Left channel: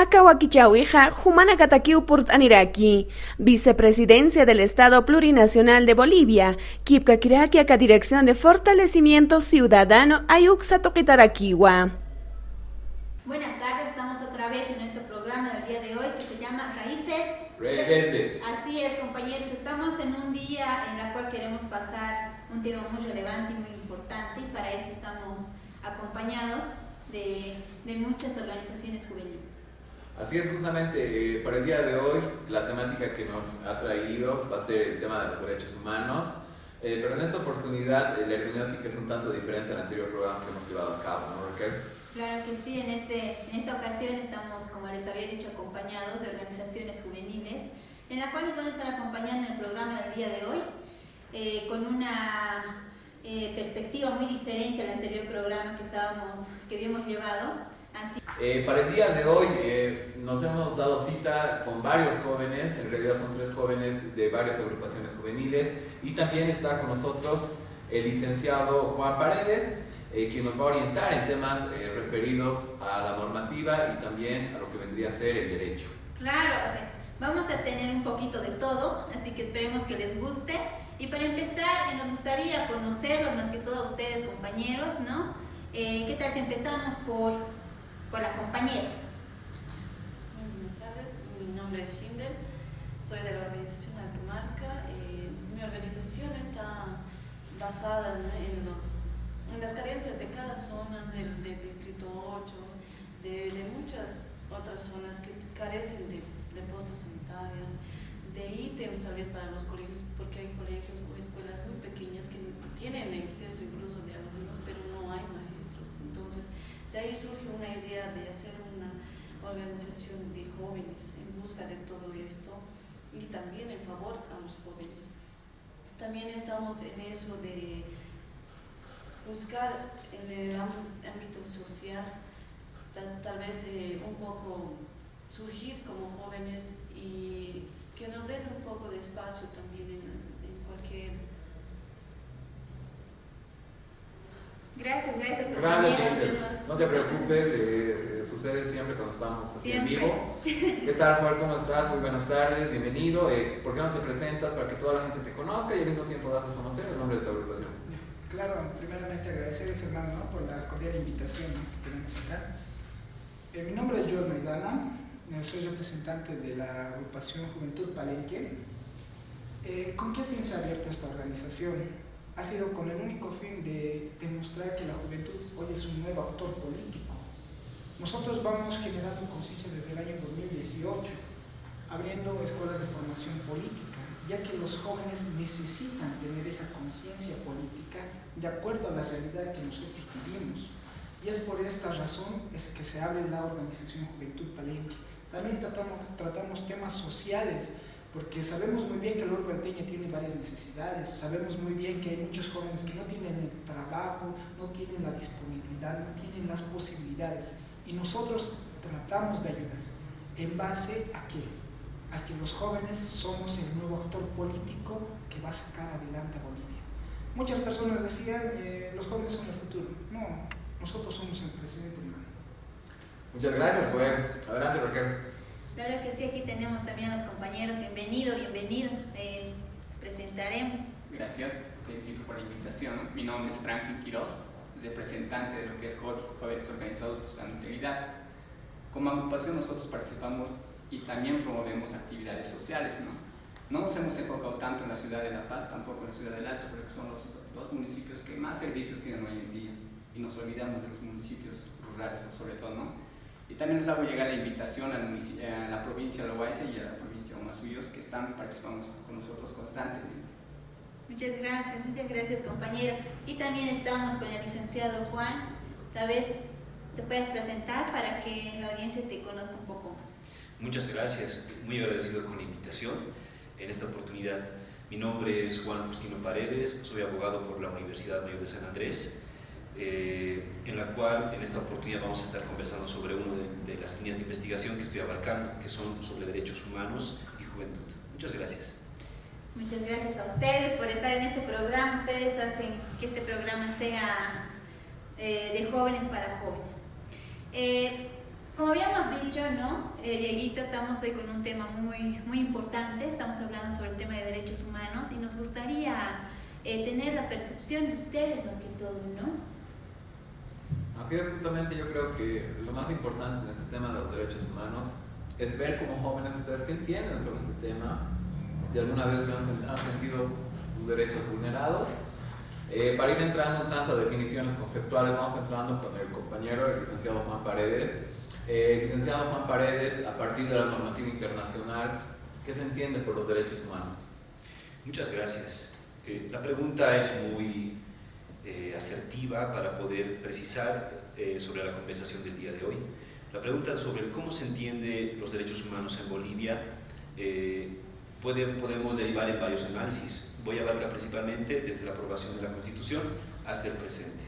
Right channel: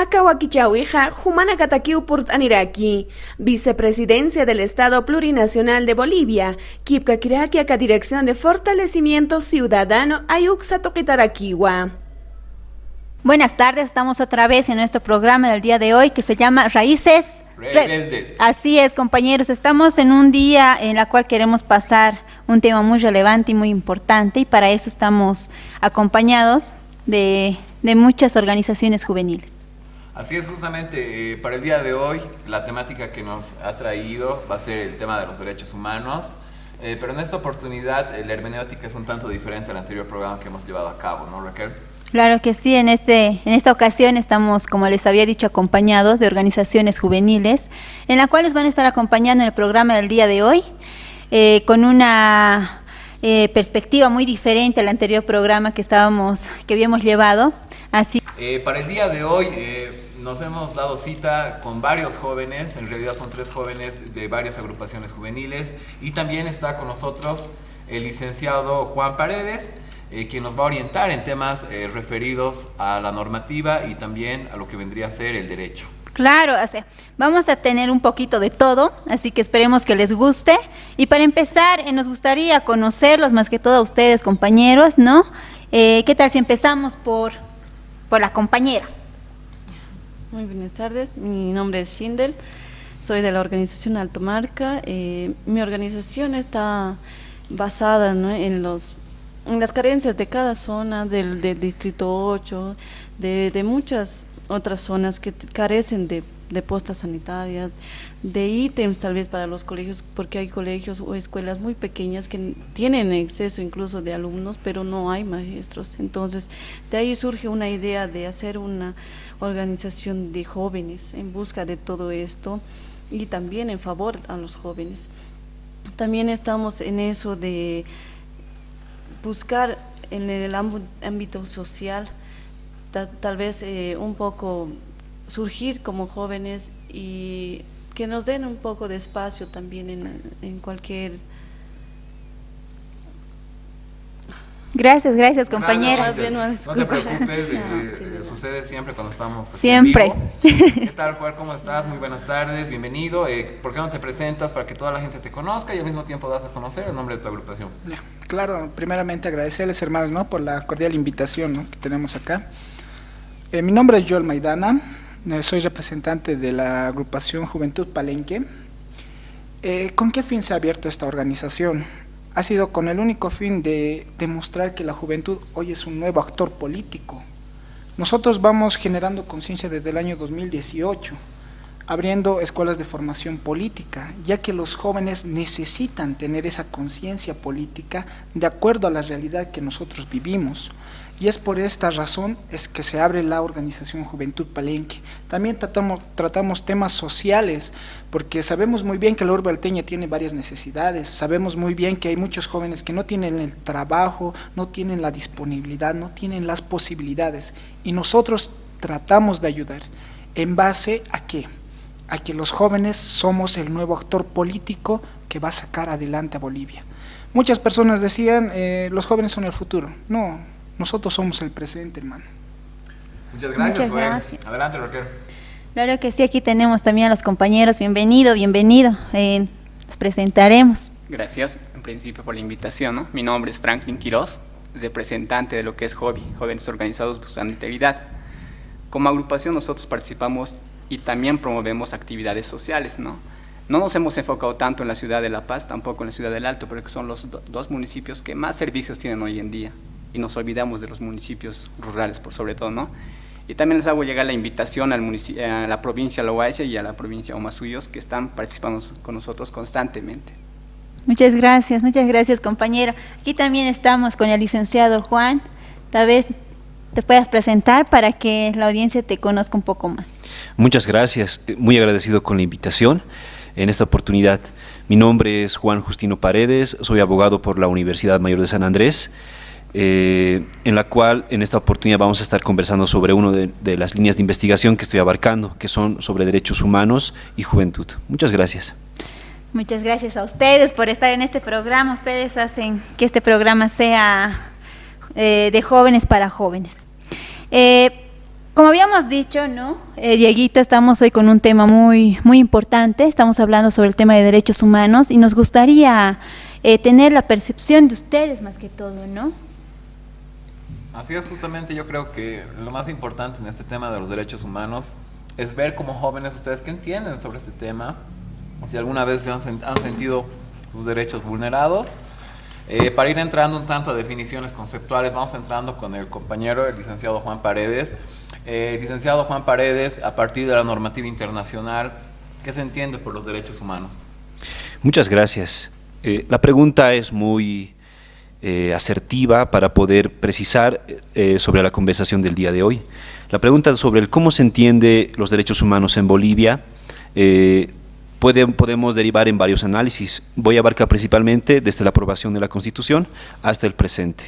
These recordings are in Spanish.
Akawakichawija, Jumana Katakiupurt Aniraki, Vicepresidencia del Estado Plurinacional de Bolivia, Kipkakirakiaka Dirección de Fortalecimiento Ciudadano, Ayuxa Toquitaraquiwa. Buenas tardes, estamos otra vez en nuestro programa del día de hoy que se llama Raíces Rebeldes. Así es, compañeros, estamos en un día en el cual queremos pasar un tema muy relevante y muy importante, y para eso estamos acompañados de muchas organizaciones juveniles. Así es, justamente para el día de hoy la temática que nos ha traído va a ser el tema de los derechos humanos, pero en esta oportunidad la hermenéutica es un tanto diferente al anterior programa que hemos llevado a cabo, ¿no, Raquel? Claro que sí, en esta ocasión estamos, como les había dicho, acompañados de organizaciones juveniles, en la cual nos van a estar acompañando en el programa del día de hoy, con una perspectiva muy diferente al anterior programa que habíamos llevado. Así. Para el día de hoy nos hemos dado cita con varios jóvenes, en realidad son 3 jóvenes de varias agrupaciones juveniles, y también está con nosotros el licenciado Juan Paredes, quien nos va a orientar en temas referidos a la normativa y también a lo que vendría a ser el derecho. Claro, vamos a tener un poquito de todo, así que esperemos que les guste. Y para empezar, nos gustaría conocerlos más que todo a ustedes, compañeros, ¿no? ¿Qué tal si empezamos por la compañera? Muy buenas tardes, mi nombre es Schindel, soy de la organización Alto Marca. Mi organización está basada, ¿no?, en las carencias de cada zona del Distrito 8, de muchas otras zonas que carecen de postas sanitarias, de ítems tal vez para los colegios, porque hay colegios o escuelas muy pequeñas que tienen exceso incluso de alumnos, pero no hay maestros. Entonces, de ahí surge una idea de hacer una organización de jóvenes en busca de todo esto y también en favor a los jóvenes. También estamos en eso de buscar en el ámbito social, tal vez un poco surgir como jóvenes y que nos den un poco de espacio también en cualquier... Gracias, compañera. No te preocupes, sucede siempre cuando estamos siempre en vivo. ¿Qué tal, Juan? ¿Cómo estás? Muy buenas tardes, bienvenido. ¿Por qué no te presentas para que toda la gente te conozca y al mismo tiempo das a conocer el nombre de tu agrupación? Claro, primeramente agradecerles, hermanos, ¿no?, por la cordial invitación, ¿no?, que tenemos acá. Mi nombre es Joel Maidana, soy representante de la agrupación Juventud Palenque. ¿Con qué fin se ha abierto esta organización? Ha sido con el único fin de demostrar que la juventud hoy es un nuevo actor político. Nosotros vamos generando conciencia desde el año 2018, abriendo escuelas de formación política, ya que los jóvenes necesitan tener esa conciencia política de acuerdo a la realidad que nosotros vivimos. Y es por esta razón es que se abre la organización Juventud Palenque. También tratamos temas sociales, porque sabemos muy bien que la urbe alteña tiene varias necesidades, sabemos muy bien que hay muchos jóvenes que no tienen el trabajo, no tienen la disponibilidad, no tienen las posibilidades, y nosotros tratamos de ayudar. ¿En base a qué? A que los jóvenes somos el nuevo actor político que va a sacar adelante a Bolivia. Muchas personas decían, los jóvenes son el futuro. No, nosotros somos el presente, hermano. Muchas gracias, Muchas gracias. Adelante, Raquel. Claro que sí, aquí tenemos también a los compañeros. Bienvenido. Nos presentaremos. Gracias, en principio, por la invitación, ¿no? Mi nombre es Franklin Quiroz, representante de lo que es JOBI, Jóvenes Organizados Buscando Integridad. Como agrupación nosotros participamos y también promovemos actividades sociales, ¿no? No nos hemos enfocado tanto en la ciudad de La Paz, tampoco en la ciudad del Alto, pero que son los dos municipios que más servicios tienen hoy en día, y nos olvidamos de los municipios rurales, por sobre todo, ¿no? Y también les hago llegar la invitación a la provincia de Loaiza y a la provincia de Omasuyos, que están participando con nosotros constantemente. Muchas gracias, compañero. Aquí también estamos con el licenciado Juan. Tal vez te puedas presentar para que la audiencia te conozca un poco más. Muchas gracias, muy agradecido con la invitación. En esta oportunidad, mi nombre es Juan Justino Paredes, soy abogado por la Universidad Mayor de San Andrés, en la cual en esta oportunidad vamos a estar conversando sobre una de las líneas de investigación que estoy abarcando, que son sobre derechos humanos y juventud. Muchas gracias. Muchas gracias a ustedes por estar en este programa. Ustedes hacen que este programa sea de jóvenes para jóvenes. Como habíamos dicho, ¿no? Dieguito, estamos hoy con un tema muy importante. Estamos hablando sobre el tema de derechos humanos y nos gustaría tener la percepción de ustedes más que todo, ¿no? Así es, justamente yo creo que lo más importante en este tema de los derechos humanos es ver como jóvenes ustedes qué entienden sobre este tema, si alguna vez han sentido sus derechos vulnerados. Para ir entrando un tanto a definiciones conceptuales, vamos entrando con el compañero, el licenciado Juan Paredes. Licenciado Juan Paredes, a partir de la normativa internacional, ¿qué se entiende por los derechos humanos? Muchas gracias. La pregunta es muy asertiva para poder precisar sobre la conversación del día de hoy. La pregunta sobre el cómo se entiende los derechos humanos en Bolivia podemos derivar en varios análisis. Voy a abarcar principalmente desde la aprobación de la Constitución hasta el presente.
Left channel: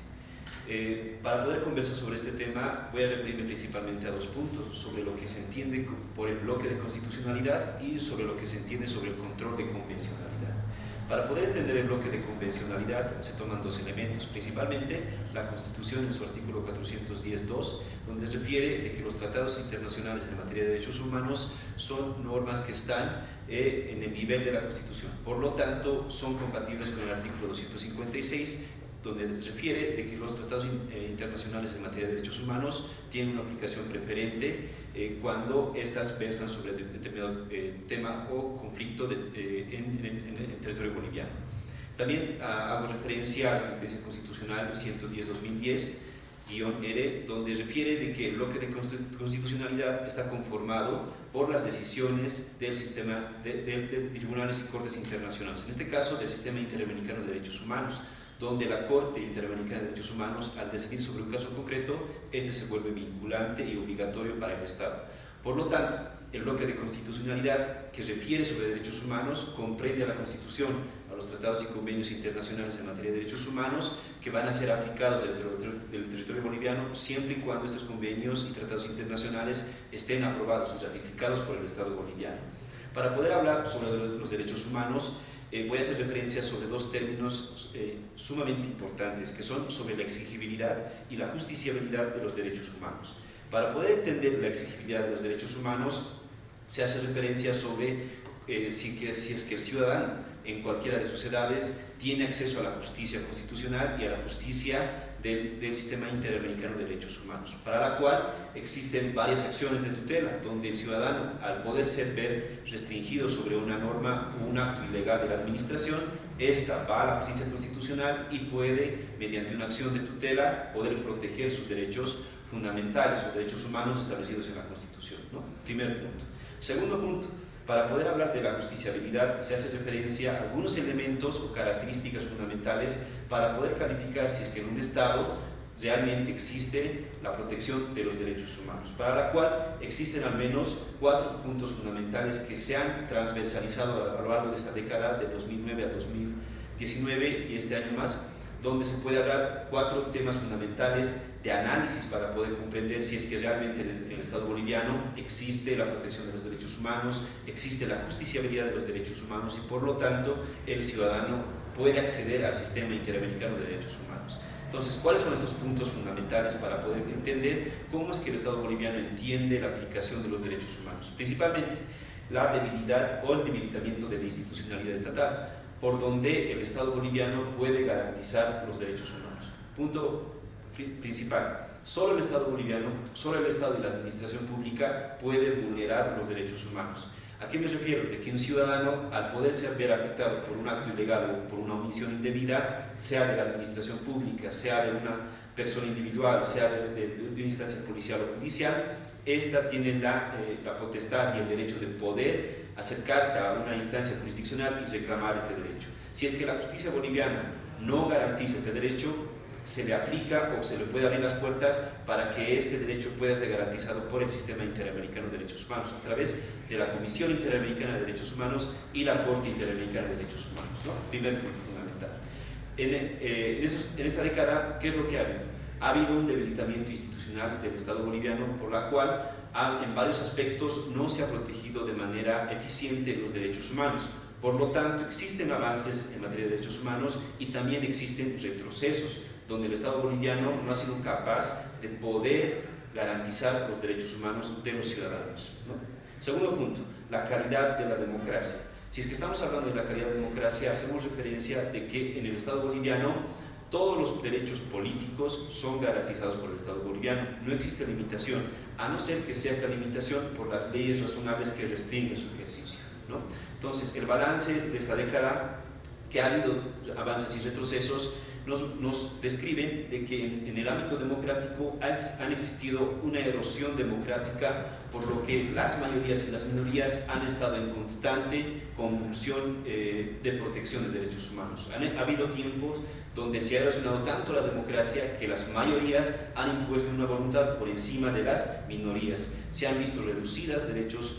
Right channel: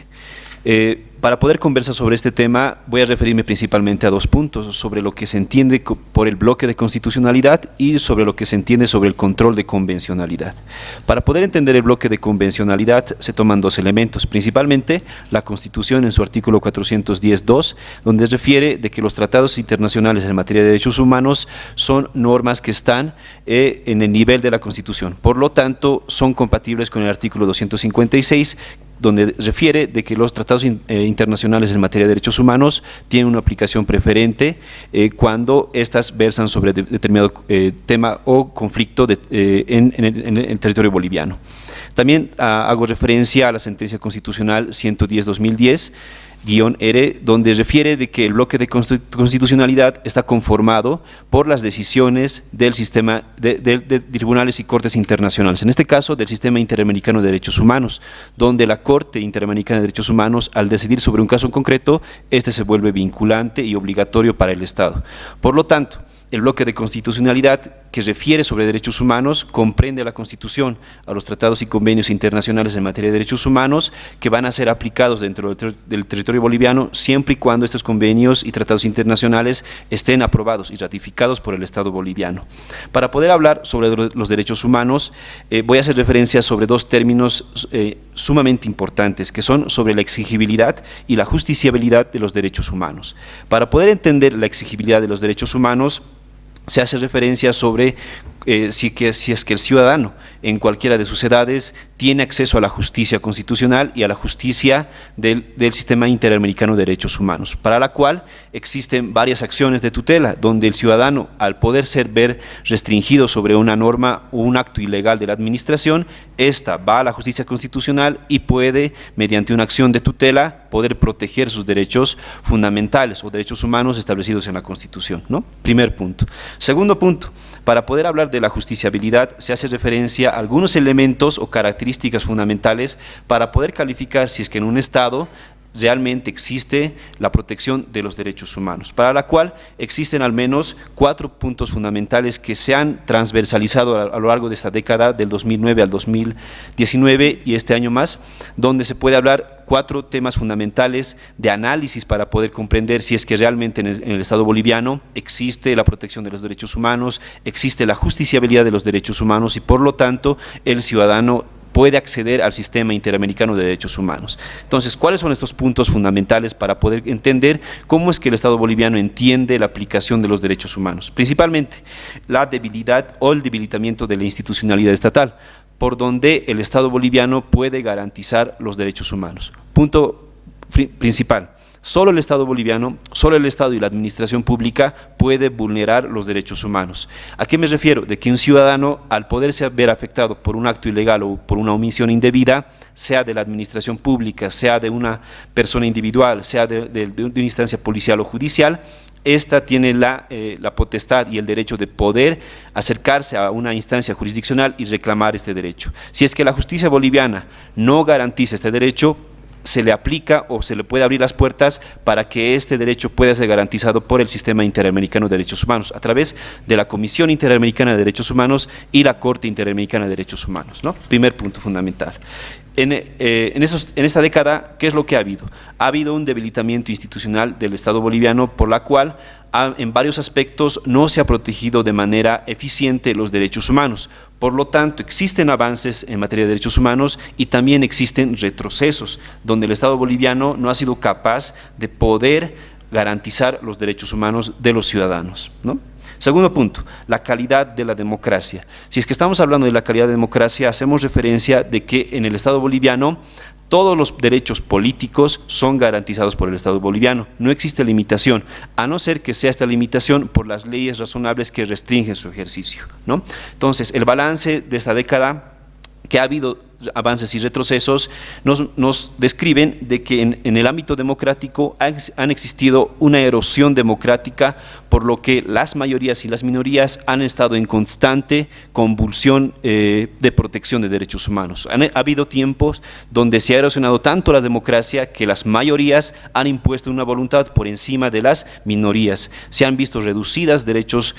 Para poder conversar sobre este tema voy a referirme principalmente a dos puntos, sobre lo que se entiende por el bloque de constitucionalidad y sobre lo que se entiende sobre el control de convencionalidad. Para poder entender el bloque de convencionalidad se toman dos elementos, principalmente la Constitución en su artículo 410.2, donde refiere de que los tratados internacionales en materia de derechos humanos son normas que están en el nivel de la Constitución, por lo tanto son compatibles con el artículo 256, donde refiere de que los tratados internacionales en materia de derechos humanos tienen una aplicación preferente cuando éstas versan sobre determinado tema o conflicto en el territorio boliviano. También hago referencia a la sentencia constitucional 110-2010, -R, donde refiere de que el bloque de constitucionalidad está conformado por las decisiones del sistema de tribunales y cortes internacionales, en este caso del Sistema Interamericano de Derechos Humanos, donde la Corte Interamericana de Derechos Humanos, al decidir sobre un caso en concreto, este se vuelve vinculante y obligatorio para el Estado. Por lo tanto, el bloque de constitucionalidad que refiere sobre derechos humanos comprende a la Constitución, a los tratados y convenios internacionales en materia de derechos humanos que van a ser aplicados dentro del territorio boliviano siempre y cuando estos convenios y tratados internacionales estén aprobados y ratificados por el Estado boliviano. Para poder hablar sobre los derechos humanos, voy a hacer referencia sobre dos términos sumamente importantes, que son sobre la exigibilidad y la justiciabilidad de los derechos humanos. Para poder entender la exigibilidad de los derechos humanos, se hace referencia sobre si es que el ciudadano en cualquiera de sus edades tiene acceso a la justicia constitucional y a la justicia del Sistema Interamericano de Derechos Humanos, para la cual existen varias acciones de tutela, donde el ciudadano, al poder ver restringido sobre una norma o un acto ilegal de la administración, esta va a la justicia constitucional y puede, mediante una acción de tutela, poder proteger sus derechos fundamentales o derechos humanos establecidos en la Constitución, ¿no? Primer punto. Segundo punto, para poder hablar de la justiciabilidad se hace referencia a algunos elementos o características fundamentales para poder calificar si es que en un Estado realmente existe la protección de los derechos humanos, para la cual existen al menos 4 puntos fundamentales que se han transversalizado a lo largo de esta década, del 2009 al 2019 y este año más, donde se puede hablar 4 temas fundamentales de análisis para poder comprender si es que realmente en el Estado boliviano existe la protección de los derechos humanos, existe la justiciabilidad de los derechos humanos y por lo tanto el ciudadano puede acceder al Sistema Interamericano de Derechos Humanos. Entonces, ¿cuáles son estos puntos fundamentales para poder entender cómo es que el Estado boliviano entiende la aplicación de los derechos humanos? Principalmente, la debilidad o el debilitamiento de la institucionalidad estatal, por donde el Estado boliviano puede garantizar los derechos humanos. Punto principal. Solo el Estado boliviano, solo el Estado y la administración pública puede vulnerar los derechos humanos. ¿A qué me refiero? De que un ciudadano, al poderse ver afectado por un acto ilegal o por una omisión indebida, sea de la administración pública, sea de una persona individual, sea de una instancia policial o judicial, esta tiene la potestad y el derecho de poder acercarse a una instancia jurisdiccional y reclamar este derecho. Si es que la justicia boliviana no garantiza este derecho, se le aplica o se le puede abrir las puertas para que este derecho pueda ser garantizado por el Sistema Interamericano de Derechos Humanos a través de la Comisión Interamericana de Derechos Humanos y la Corte Interamericana de Derechos Humanos, ¿no? Primer punto fundamental. En esta década, ¿qué es lo que ha habido? Ha habido un debilitamiento institucional del Estado boliviano por la cual en varios aspectos no se ha protegido de manera eficiente los derechos humanos. Por lo tanto, existen avances en materia de derechos humanos y también existen retrocesos, donde el Estado boliviano no ha sido capaz de poder garantizar los derechos humanos de los ciudadanos, ¿no? Segundo punto, la calidad de la democracia. Si es que estamos hablando de la calidad de democracia, hacemos referencia de que en el Estado boliviano todos los derechos políticos son garantizados por el Estado boliviano. No existe limitación, a no ser que sea esta limitación por las leyes razonables que restringen su ejercicio, ¿no? Entonces, el balance de esta década, que ha habido avances y retrocesos, nos describen de que en el ámbito democrático han existido una erosión democrática, por lo que las mayorías y las minorías han estado en constante convulsión de protección de derechos humanos. Ha habido tiempos donde se ha erosionado tanto la democracia que las mayorías han impuesto una voluntad por encima de las minorías. Se han visto reducidas derechos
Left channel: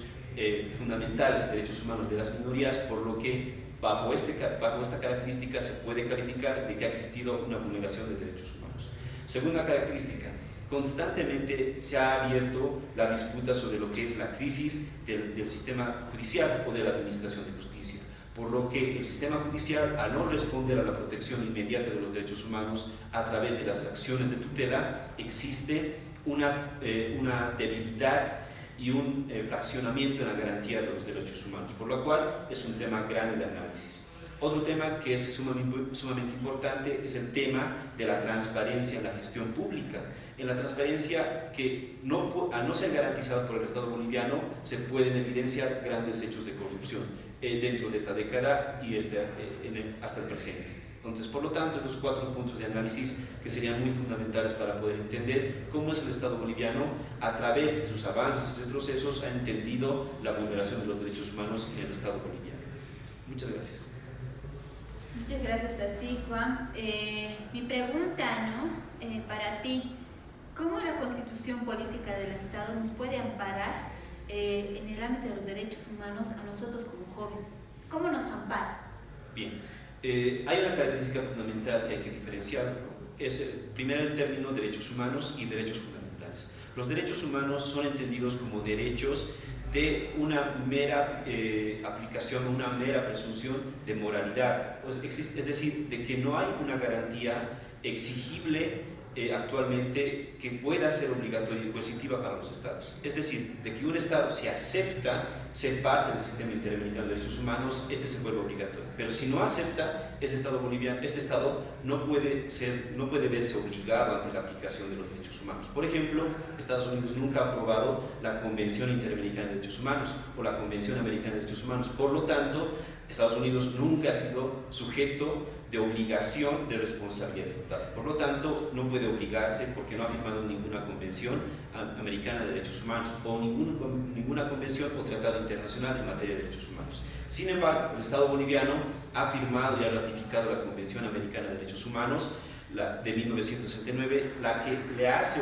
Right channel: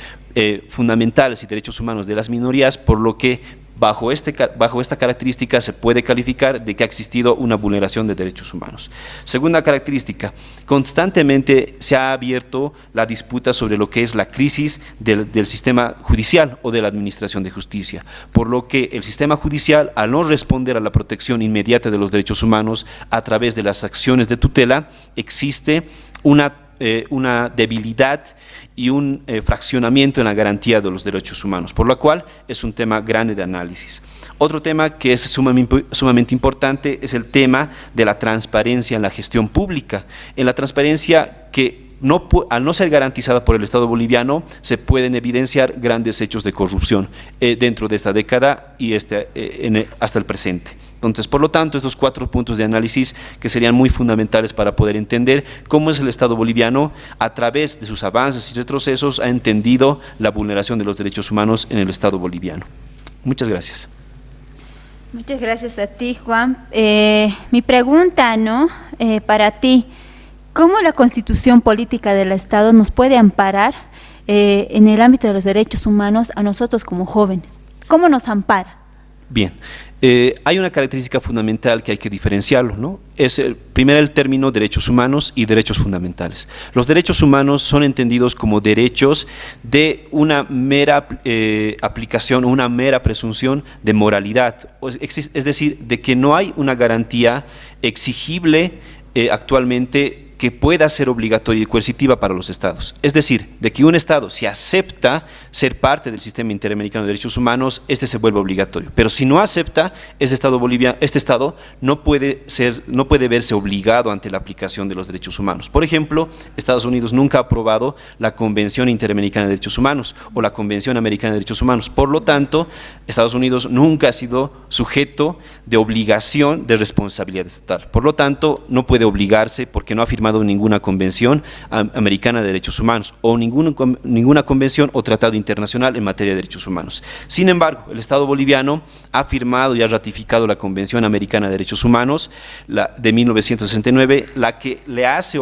fundamentales y derechos humanos de las minorías, por lo que bajo esta característica se puede calificar de que ha existido una vulneración de derechos humanos. Segunda característica, constantemente se ha abierto la disputa sobre lo que es la crisis del sistema judicial o de la administración de justicia, por lo que el sistema judicial, al no responder a la protección inmediata de los derechos humanos a través de las acciones de tutela, existe una debilidad y un fraccionamiento en la garantía de los derechos humanos, por lo cual es un tema grande de análisis. Otro tema que es sumamente importante es el tema de la transparencia en la gestión pública. En la transparencia que al no ser garantizada por el Estado boliviano, se pueden evidenciar grandes hechos de corrupción dentro de esta década y hasta el presente. Entonces, por lo tanto, estos 4 puntos de análisis que serían muy fundamentales para poder entender cómo es el Estado boliviano, a través de sus avances y retrocesos, ha entendido la vulneración de los derechos humanos en el Estado boliviano. Muchas gracias. Muchas gracias a ti, Juan. Mi pregunta, ¿no? Para ti, ¿cómo la Constitución Política del Estado nos puede amparar en el ámbito de los derechos humanos a nosotros como jóvenes? ¿Cómo nos ampara? Bien. Hay una característica fundamental que hay que diferenciarlo, ¿no? Es primero el término derechos humanos y derechos fundamentales. Los derechos humanos son entendidos como derechos de una mera aplicación, una mera presunción de moralidad, es decir, de que no hay una garantía exigible actualmente que pueda ser obligatoria y coercitiva para los estados. Es decir, de que un estado, si acepta ser parte del sistema interamericano de derechos humanos, este se vuelve obligatorio. Pero si no acepta, este estado no puede verse obligado ante la aplicación de los derechos humanos. Por ejemplo, Estados Unidos nunca ha aprobado la Convención Interamericana de Derechos Humanos o la Convención Americana de Derechos Humanos. Por lo tanto, Estados Unidos nunca ha sido sujeto de obligación de responsabilidad estatal. Por lo tanto, no puede obligarse porque no ha firmado ninguna convención americana de derechos humanos o ninguna convención o tratado internacional en materia de derechos humanos. Sin embargo, el Estado boliviano ha firmado y ha ratificado la Convención Americana de Derechos Humanos de 1969, la que le hace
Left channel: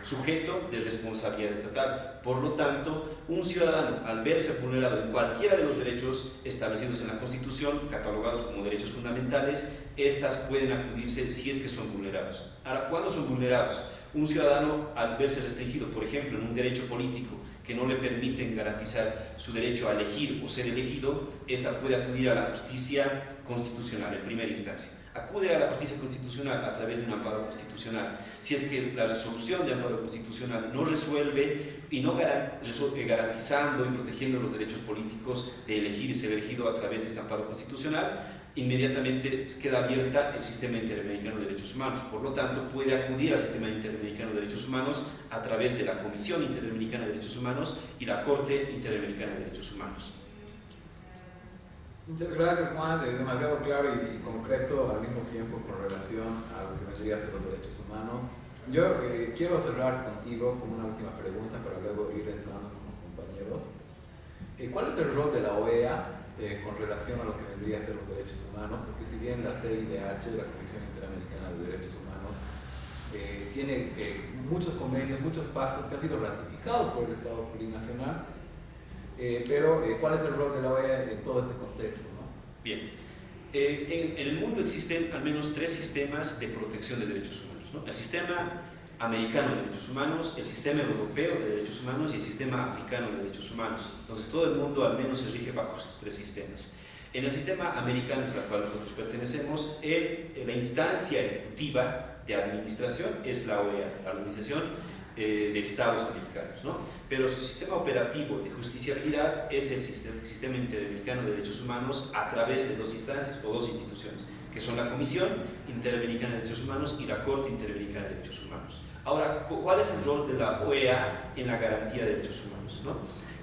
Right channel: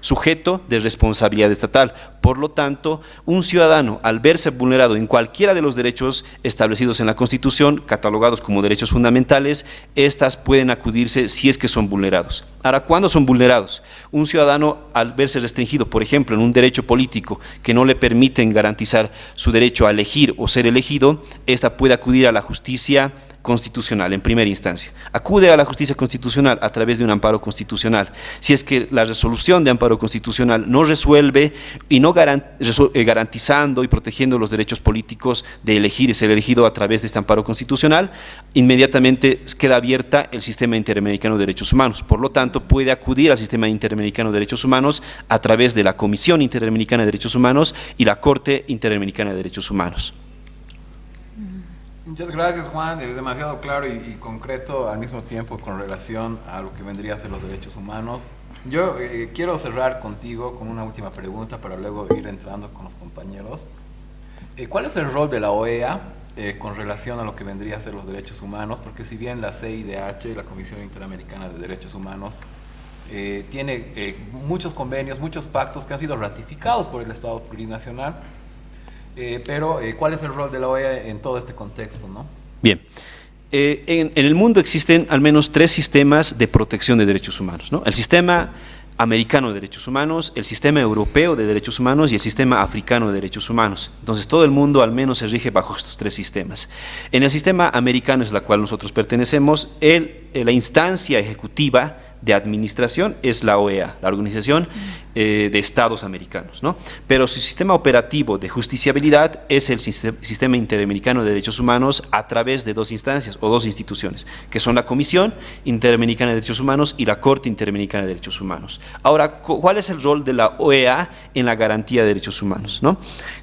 sujeto de responsabilidad estatal. Por lo tanto, un ciudadano, al verse vulnerado en cualquiera de los derechos establecidos en la Constitución, catalogados como derechos fundamentales, estas pueden acudirse si es que son vulnerados. Ahora, ¿cuándo son vulnerados? Un ciudadano, al verse restringido, por ejemplo, en un derecho político que no le permiten garantizar su derecho a elegir o ser elegido, esta puede acudir a la justicia constitucional en primera instancia. Acude a la justicia constitucional a través de un amparo constitucional. Si es que la resolución de amparo constitucional no resuelve y no garantizando y protegiendo los derechos políticos de elegir y ser elegido a través de este amparo constitucional, inmediatamente queda abierta el sistema interamericano de derechos humanos. Por lo tanto, puede acudir al sistema interamericano de derechos humanos a través de la Comisión Interamericana de Derechos Humanos y la Corte Interamericana de Derechos Humanos. Muchas gracias, Juan. Es demasiado claro y concreto al mismo tiempo con relación a lo que vendría a ser los derechos humanos. Yo quiero cerrar contigo con una última pregunta para luego ir entrando con los compañeros. ¿Cuál es el rol de la OEA con relación a lo que vendría a ser los derechos humanos? Porque si bien la CIDH, la Comisión Interamericana de Derechos Humanos, tiene muchos convenios, muchos pactos que han sido ratificados por el Estado plurinacional, pero ¿cuál es el rol de la OEA en todo este contexto, ¿no? Bien, en el mundo existen al menos 3 sistemas de protección de derechos humanos, ¿no? El sistema americano de derechos humanos, el sistema europeo de derechos humanos y el sistema africano de derechos humanos. Entonces, todo el mundo al menos se rige bajo estos 3 sistemas. En el sistema americano, es la cual nosotros pertenecemos, la instancia ejecutiva de administración es la OEA, la Organización de Estados Americanos, ¿no? Pero su sistema operativo de justiciabilidad es el Sistema Interamericano de Derechos Humanos a través de dos instancias o dos instituciones, que son la Comisión Interamericana de Derechos Humanos y la Corte Interamericana de Derechos Humanos. Ahora, ¿cuál es el rol de la OEA en la garantía de derechos humanos, ¿no?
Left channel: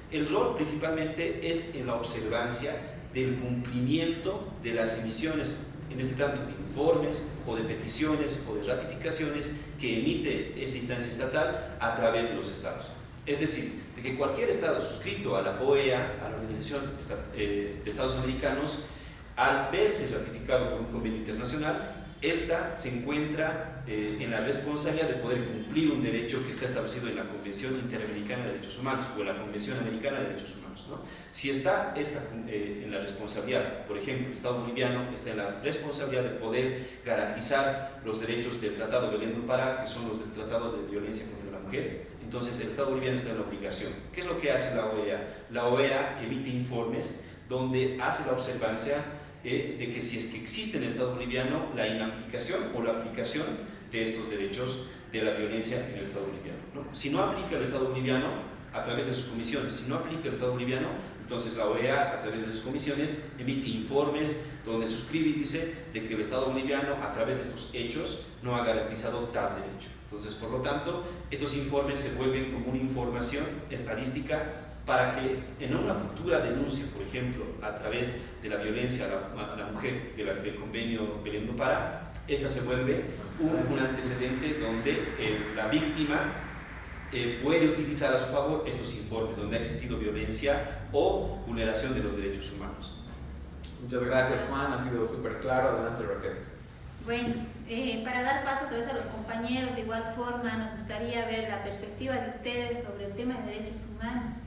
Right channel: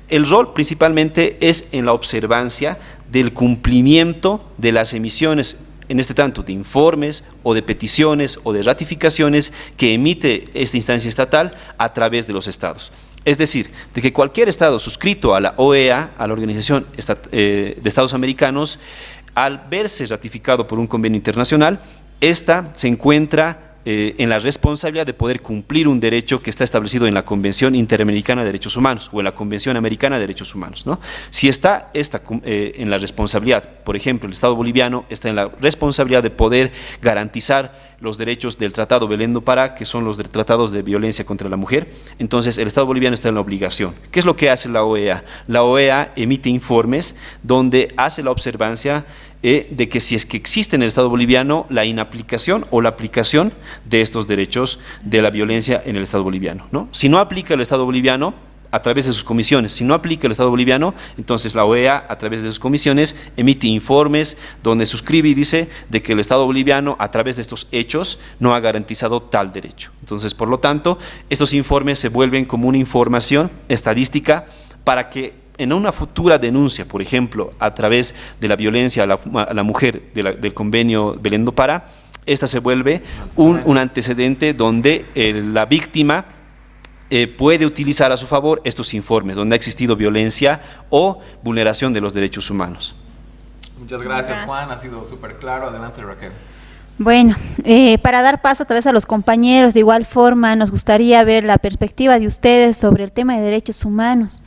El rol principalmente es en la observancia del cumplimiento de las emisiones, en este tanto de informes o de peticiones o de ratificaciones que emite esta instancia estatal a través de los estados. Es decir, de que cualquier estado suscrito a la OEA, a la Organización de Estados Americanos, al verse ratificado por un convenio internacional, esta se encuentra en la responsabilidad de poder cumplir un derecho que está establecido en la Convención Interamericana de Derechos Humanos o en la Convención Americana de Derechos Humanos, ¿no? Si está en la responsabilidad, por ejemplo, el Estado boliviano está en la responsabilidad de poder garantizar los derechos del Tratado Belén do Pará, que son los tratados de violencia contra la mujer, entonces el Estado boliviano está en la obligación. ¿Qué es lo que hace la OEA? La OEA emite informes donde hace la observancia de que si es que existe en el Estado boliviano la inaplicación o la aplicación de estos derechos de la violencia en el Estado boliviano, ¿no? Si no aplica el Estado boliviano, a través de sus comisiones, si no aplica el Estado boliviano, entonces la OEA, a través de sus comisiones, emite informes donde suscribe y dice de que el Estado boliviano, a través de estos hechos, no ha garantizado tal derecho. Entonces, por lo tanto, estos informes se vuelven como una información estadística para que en una futura denuncia, por ejemplo, a través de la violencia a la mujer del convenio Belén do Pará, esta se vuelve un antecedente donde la víctima puede utilizar a su favor estos informes, donde ha existido violencia o vulneración de los derechos humanos. Muchas gracias, Juan, ha sido súper claro. Adelante, Raquel. Bueno, para dar paso tal vez a los compañeros, de igual forma nos gustaría ver la perspectiva de ustedes sobre el tema de derechos humanos.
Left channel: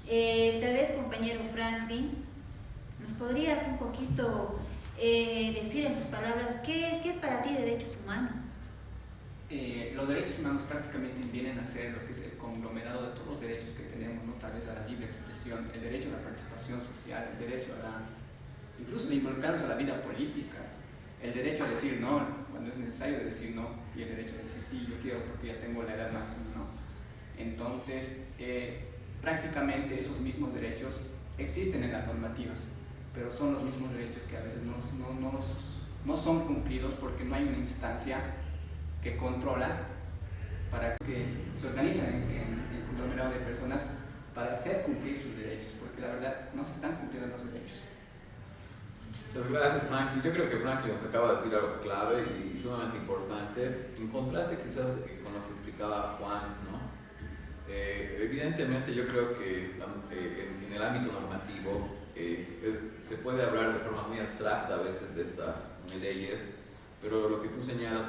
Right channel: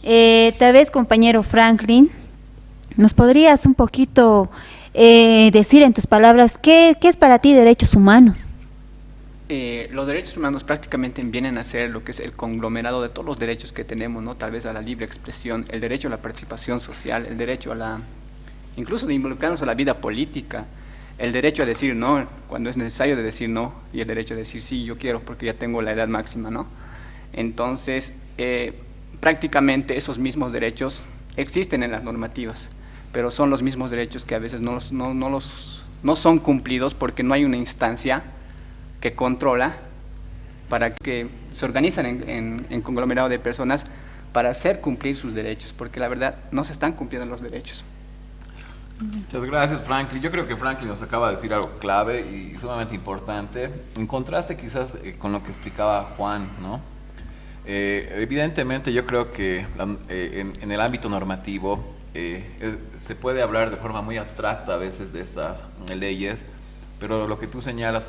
Tal vez, compañero Franklin, ¿nos podrías un poquito decir en tus palabras qué es para ti derechos humanos? Los derechos humanos prácticamente vienen a ser lo que es el conglomerado de todos los derechos que tenemos, ¿no? Tal vez a la libre expresión, el derecho a la participación social, el derecho a incluso de involucrarnos a la vida política, el derecho a decir no cuando es necesario de decir no, y el derecho a decir sí, yo quiero porque ya tengo la edad máxima, ¿no? Entonces, prácticamente esos mismos derechos existen en las normativas, pero son los mismos derechos que a veces no son cumplidos porque no hay una instancia que controla para que se organizan en conglomerado de personas para hacer cumplir sus derechos, porque la verdad no se están cumpliendo los derechos. Muchas gracias, Franklin. Yo creo que Franklin nos acaba de decir algo clave y sumamente importante, en contraste quizás con lo que explicaba Juan, ¿no? Evidentemente yo creo que en el ámbito normativo se puede hablar de forma muy abstracta a veces de estas leyes, pero lo que tú señalas,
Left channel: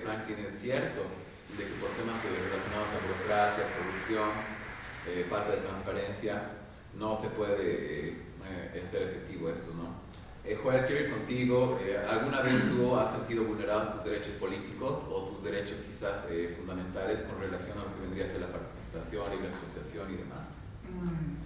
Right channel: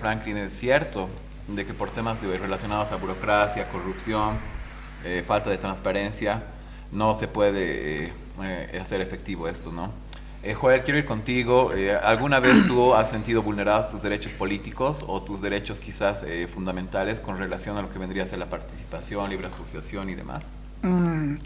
Franklin, es cierto, de que por temas relacionados a burocracia, corrupción, falta de transparencia, no se puede hacer efectivo esto, ¿no? Joel, quiero ir contigo. ¿Alguna vez tú has sentido vulnerados tus derechos políticos o tus derechos quizás fundamentales con relación a lo que vendría a ser la participación, libre asociación y demás?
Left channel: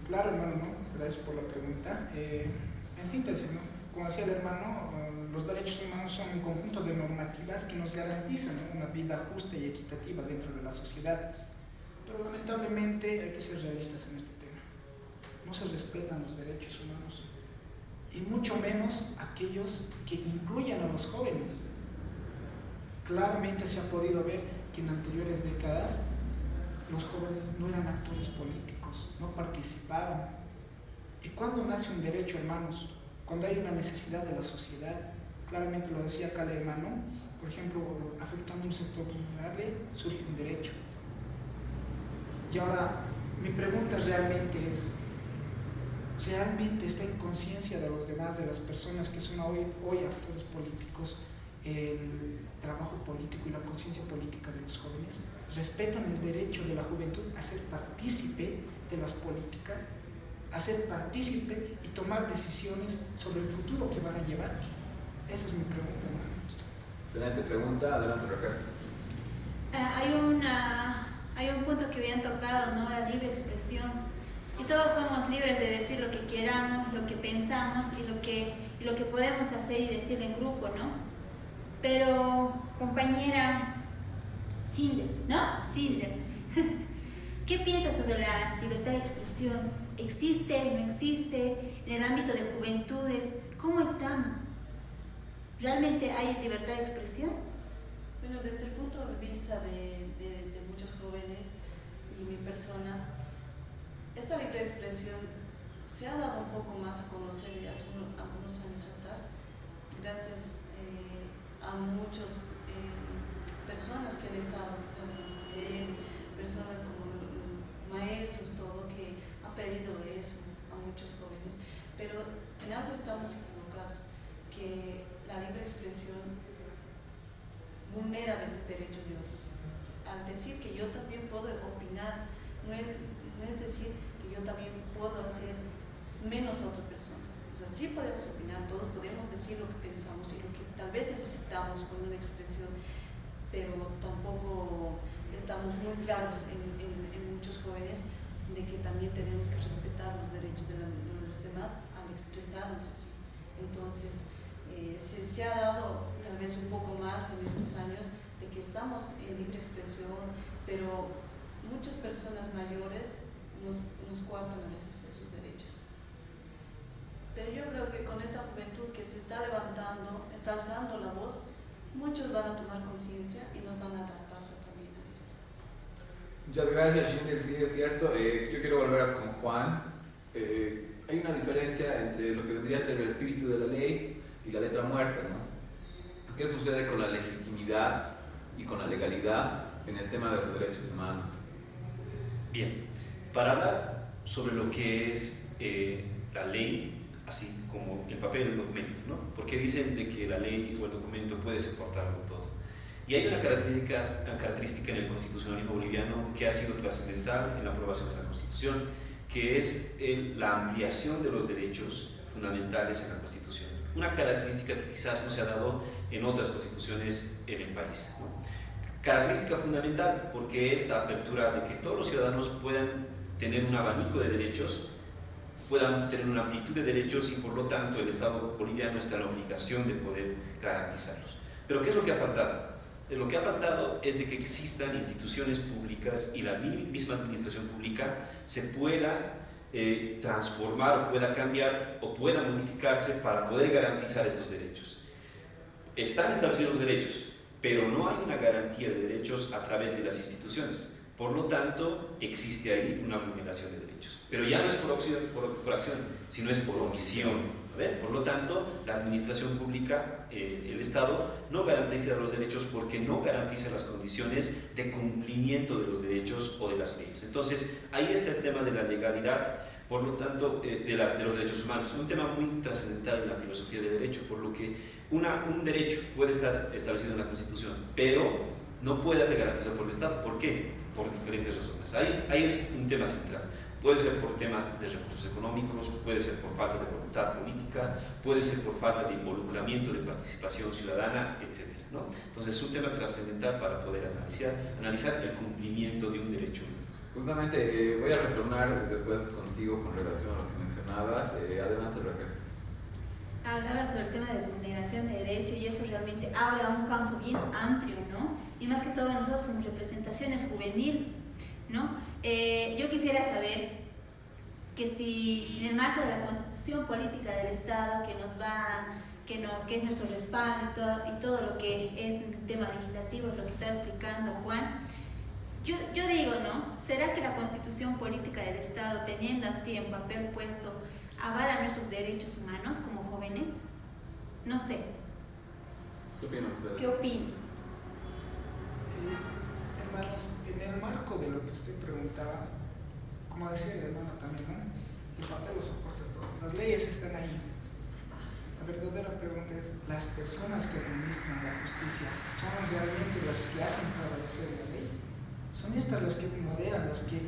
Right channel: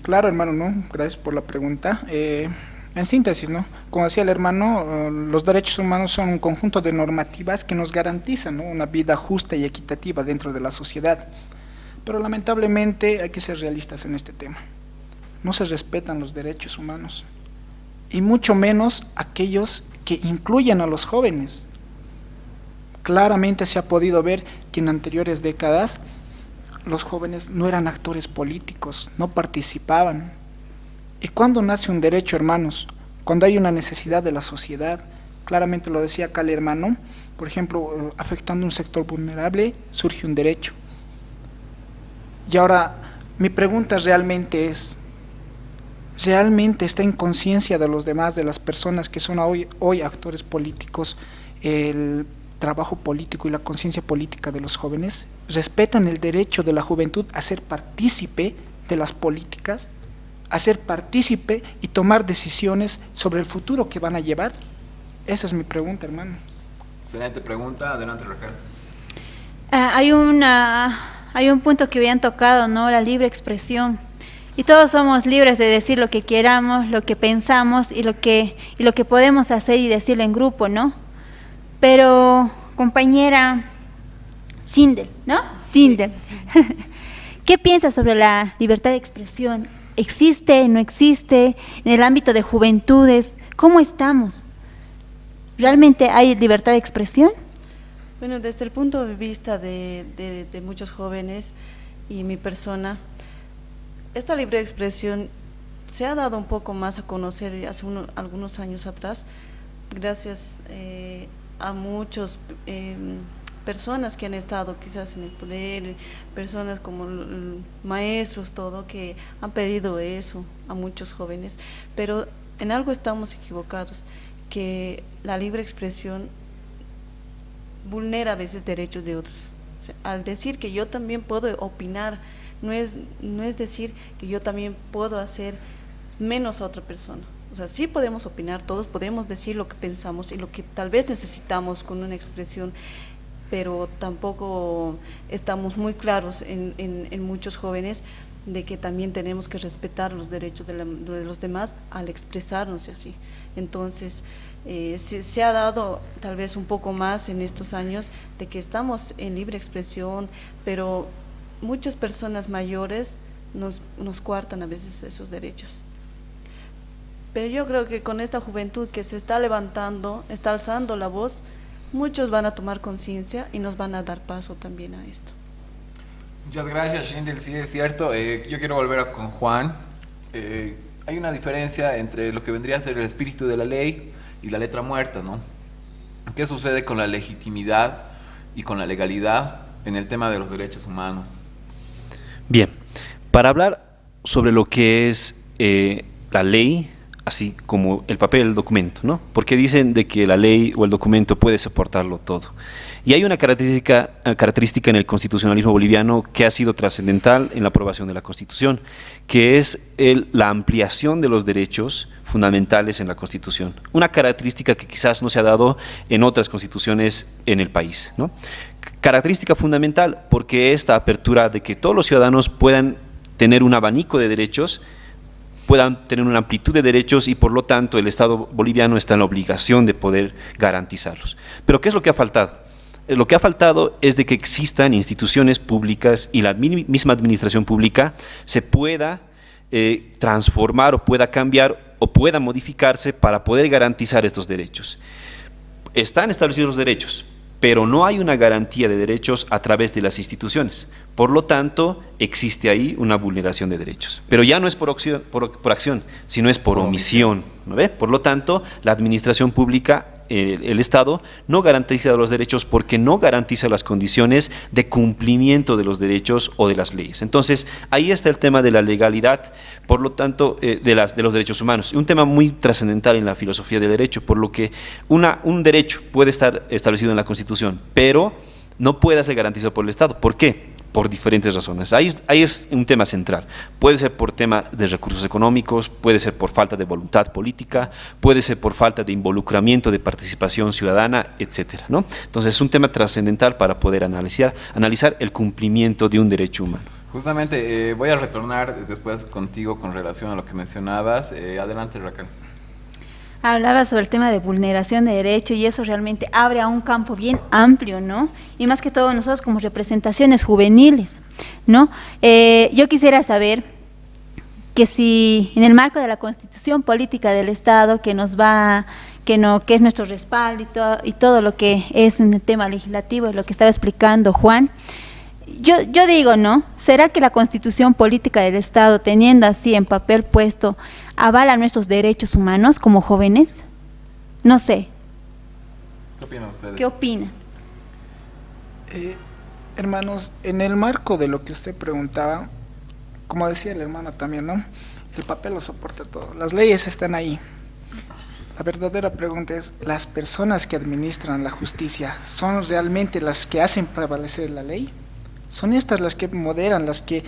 Claro, hermano, ¿no? Gracias por la pregunta. En síntesis, ¿no? Como decía el hermano, los derechos humanos son un conjunto de normativas que nos garantizan, ¿no?, una vida justa y equitativa dentro de la sociedad. Pero lamentablemente hay que ser realistas en este tema. No se respetan los derechos humanos, y mucho menos aquellos que incluyen a los jóvenes. Claramente se ha podido ver que en anteriores décadas los jóvenes no eran actores políticos, no participaban. ¿Y cuándo nace un derecho, hermanos? Cuando hay una necesidad de la sociedad. Claramente lo decía acá el hermano, por ejemplo, afectando un sector vulnerable, surge un derecho. Y ahora, mi pregunta realmente es, ¿realmente está en conciencia de los demás, de las personas que son hoy actores políticos, el trabajo político y la conciencia política de los jóvenes? ¿Respetan el derecho de la juventud a ser partícipe de las políticas, a ser partícipe y tomar decisiones sobre el futuro que van a llevar? Esa es mi pregunta, hermano. Excelente pregunta. Adelante, Raquel. Hay un punto que habían tocado, ¿no? La libre expresión. Y todos somos libres de decir lo que queramos, lo que pensamos y lo que podemos hacer y decirlo en grupo, ¿no? Pero compañera Schindel, ¿no? Schindel. ¿Qué piensas sobre la libertad de expresión? ¿Existe, no existe? En el ámbito de juventudes, ¿cómo estamos? ¿Realmente hay libertad de expresión? Bueno, desde el punto de vista de muchos jóvenes y mi persona, esta libre expresión se ha dado un poco más a conocer hace algunos años atrás, gracias a muchas personas que han estado quizás en el poder, personas como maestros, todo, que han pedido eso a muchos jóvenes, pero en algo estamos equivocados, que la libre expresión vulnera a veces derechos de otros. O sea, al decir que yo también puedo opinar, no es decir que yo también puedo hacer menos a otra persona. O sea, sí podemos opinar, todos podemos decir lo que pensamos y lo que tal vez necesitamos con una expresión, pero tampoco estamos muy claros en muchos jóvenes de que también tenemos que respetar los derechos de los demás al expresarnos así. Entonces, se ha dado tal vez un poco más en estos años de que estamos en libre expresión, pero muchas personas mayores nos coartan a veces esos derechos. Pero yo creo que con esta juventud que se está levantando, está alzando la voz, muchos van a tomar conciencia y nos van a dar paso también a esto. Muchas gracias, Schindel. Sí, es cierto. Yo quiero volver con Juan. Hay una diferencia entre lo que vendría a ser el espíritu de la ley y la letra muerta, ¿no? ¿Qué sucede con la legitimidad y con la legalidad en el tema de los derechos humanos? Bien, para hablar sobre lo que es la ley, así como el papel del documento, ¿no? Porque dicen de que la ley o el documento puede soportarlo todo. Y hay una característica en el constitucionalismo boliviano que ha sido trascendental en la aprobación de la Constitución, que es la ampliación de los derechos fundamentales en la Constitución. Una característica que quizás no se ha dado en otras constituciones en el país, ¿no? Característica fundamental porque esta apertura de que todos los ciudadanos puedan tener un abanico de derechos, puedan tener una amplitud de derechos y por lo tanto el Estado boliviano está en la obligación de poder garantizarlos. Pero ¿qué es lo que ha faltado? Lo que ha faltado es de que existan instituciones públicas y la misma administración pública se pueda transformar o pueda cambiar o pueda modificarse para poder garantizar estos derechos. Están establecidos los derechos, pero no hay una garantía de derechos a través de las instituciones. Por lo tanto, existe ahí una vulneración de derechos. Pero ya no es por acción, sino es por omisión, ¿no ve? Por lo tanto, la administración pública, el Estado, no garantiza los derechos porque no garantiza las condiciones de cumplimiento de los derechos o de las leyes. Entonces, ahí está el tema de la legalidad, por lo tanto, de los derechos humanos. Un tema muy trascendental en la filosofía del derecho, por lo que un derecho puede estar establecido en la Constitución, pero no puede ser garantizado por el Estado. ¿Por qué? Por diferentes razones. Ahí es un tema central. Puede ser por tema de recursos económicos, puede ser por falta de voluntad política, puede ser por falta de involucramiento, de participación ciudadana, etcétera, ¿no? Entonces es un tema trascendental para poder analizar el cumplimiento de un derecho humano. Justamente voy a retornar después contigo con relación a lo que mencionabas. Adelante, Raquel. Hablaba sobre el tema de vulneración de derechos y eso realmente abre a un campo bien amplio, ¿no? Y más que todo nosotros como representaciones juveniles, ¿no? Yo quisiera saber que si en el marco de la Constitución Política del Estado que es nuestro respaldo y todo lo que es en el tema legislativo, lo que estaba explicando Juan, yo digo, ¿no? ¿Será que la Constitución Política del Estado, teniendo así en papel puesto, avala nuestros derechos humanos como jóvenes? No sé. ¿Qué opinan ustedes? ¿Qué opinan? Hermanos, en el marco de lo que usted preguntaba, como decía el hermano también, ¿no? El papel lo soporta todo. Las leyes están ahí. La verdadera pregunta es, ¿las personas que administran la justicia son realmente las que hacen prevalecer la ley? Son estas las que moderan, las que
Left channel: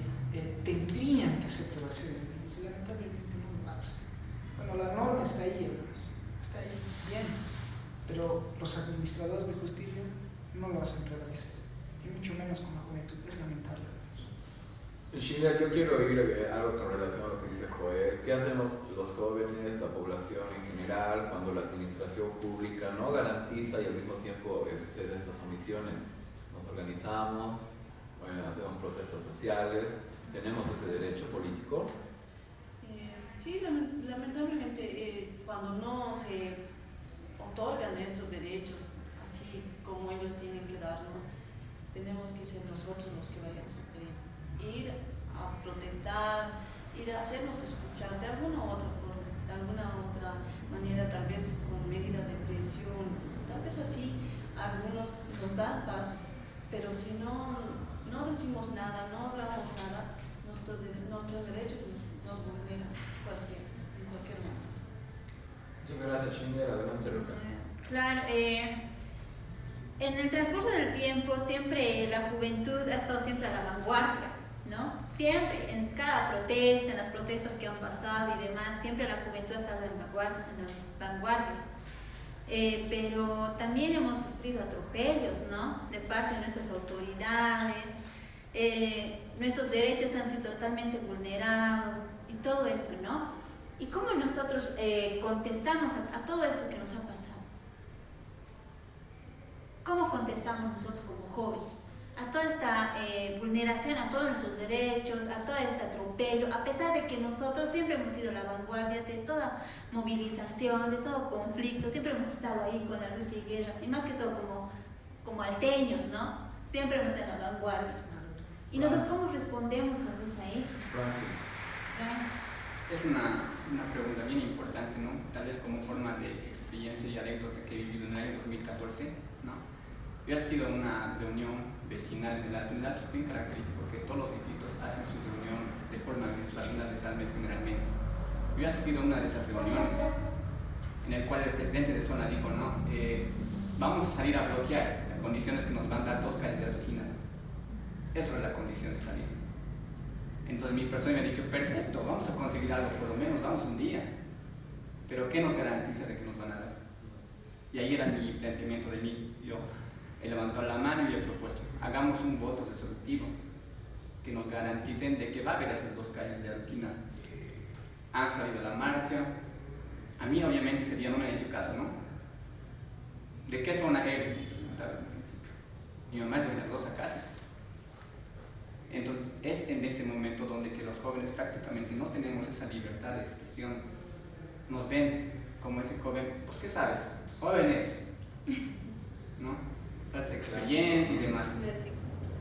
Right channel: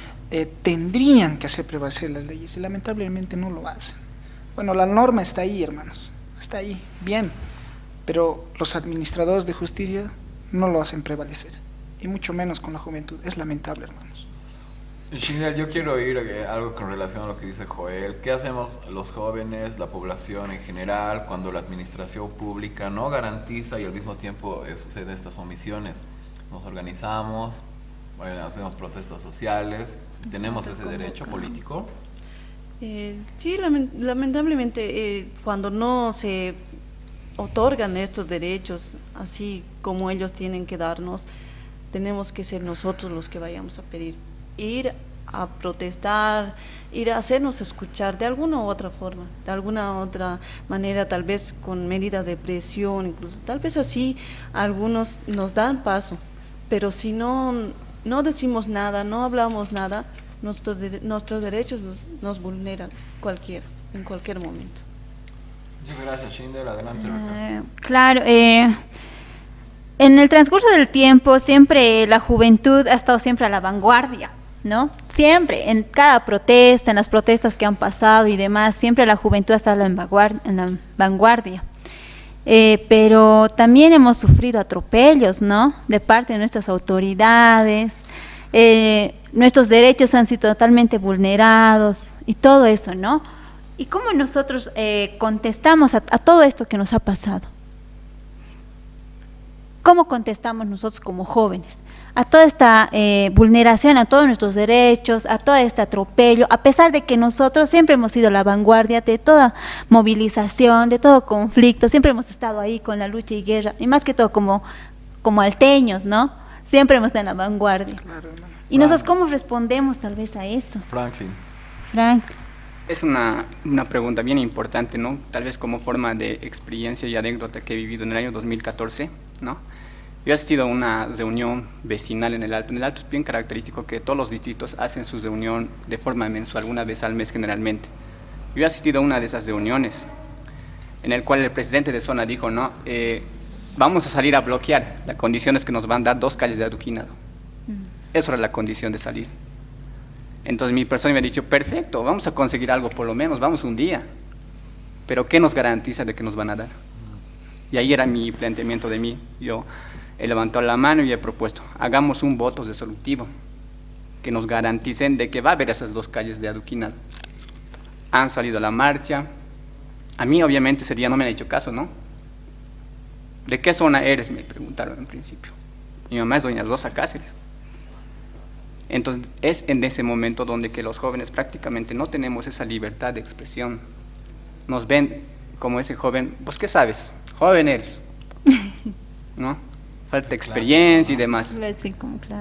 tendrían que hacer prevalecer las leyes y lamentablemente no lo hacen. Bueno, la norma está ahí, hermanos, está ahí, bien, pero los administradores de justicia no lo hacen prevalecer y mucho menos con la juventud. Es lamentable, hermanos. Shindel, yo quiero oír algo con relación a lo que dice Joel. ¿Qué hacemos los jóvenes, la población en general, cuando la administración pública no garantiza y al mismo tiempo suceden estas omisiones? Nos organizamos, hacemos protestas sociales, ¿tenemos ese derecho político? Sí, lamentablemente cuando no se otorgan estos derechos así como ellos tienen que darnos, tenemos que ser nosotros los que vayamos a pedir, ir a protestar, ir a hacernos escuchar de alguna u otra forma, de alguna otra manera, tal vez con medidas de presión, incluso tal vez así algunos nos dan paso, pero si no decimos nada, no hablamos nada, nuestros derechos nos vulneran en cualquier momento. Muchas gracias, Shinder. Adelante. Claro, en el transcurso del tiempo siempre la juventud ha estado siempre a la vanguardia, ¿no? Siempre, en cada protesta, en las protestas que han pasado y demás, siempre la juventud ha estado en la vanguardia. Pero también hemos sufrido atropellos, ¿no? De parte de nuestras autoridades, nuestros derechos han sido totalmente vulnerados y todo eso, ¿no? ¿Y cómo nosotros contestamos a todo esto que nos ha pasado? ¿Cómo contestamos nosotros como jóvenes a toda esta vulneración, a todos nuestros derechos, a todo este atropello, a pesar de que nosotros siempre hemos sido la vanguardia de toda movilización, de todo conflicto, siempre hemos estado ahí con la lucha y guerra, y más que todo como alteños, ¿no? Siempre hemos estado en la vanguardia. ¿Y nosotros cómo respondemos tal vez a eso? Frank. Es una pregunta bien importante, ¿no? Tal vez como forma de experiencia y anécdota que he vivido en el año 2014, ¿no? Yo he asistido a una reunión vecinal en el Alto. En el Alto es bien característico que todos los distritos hacen su reunión de forma mensual, una vez al mes generalmente. Yo he asistido a una de esas reuniones en el cual el presidente de zona dijo, ¿no? Vamos a salir a bloquear. La condición es que nos van a dar 2 calles de adoquinado. Eso era la condición de salir. Entonces mi persona me ha dicho, perfecto, vamos a conseguir algo por lo menos, vamos un día. Pero ¿qué nos garantiza de que nos van a dar? Y ahí era mi planteamiento de mí. Yo he levantado la mano y he propuesto, hagamos un voto resolutivo que nos garanticen de que va a haber esas 2 calles de adoquinado. Han salido a la marcha. A mí obviamente ese día no me han hecho caso, ¿no? ¿De qué zona eres?, me preguntaron en principio. Mi mamá es doña Rosa Cáceres. Entonces es en ese momento donde que los jóvenes prácticamente no tenemos esa libertad de expresión. Nos ven como ese joven, pues ¿qué sabes? Joven eres, ¿no? Falta experiencia y demás.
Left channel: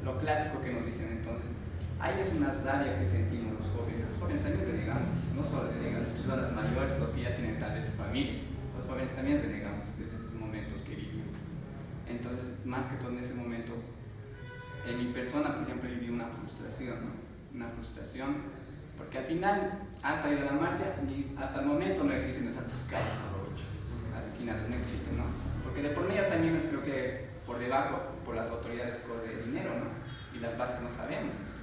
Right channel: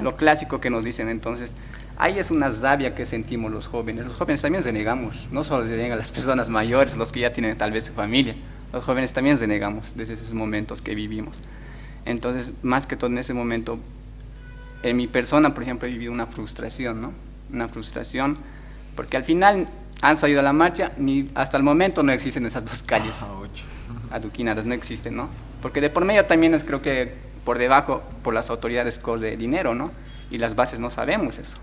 Lo clásico que nos dicen. Entonces ahí es una rabia que sentimos los jóvenes. Los jóvenes también renegamos, no solo renegan las personas mayores, los que ya tienen tal vez familia. Los jóvenes también renegamos desde esos momentos que vivimos. Entonces, más que todo en ese momento, en mi persona, por ejemplo, he vivido una frustración, ¿no? Una frustración, porque al final han salido a la marcha, hasta el momento no existen esas 2 calles adoquinadas, no existen, ¿no? Porque de por medio también es, creo que por debajo, por las autoridades corre dinero, ¿no? Y las bases no sabemos eso.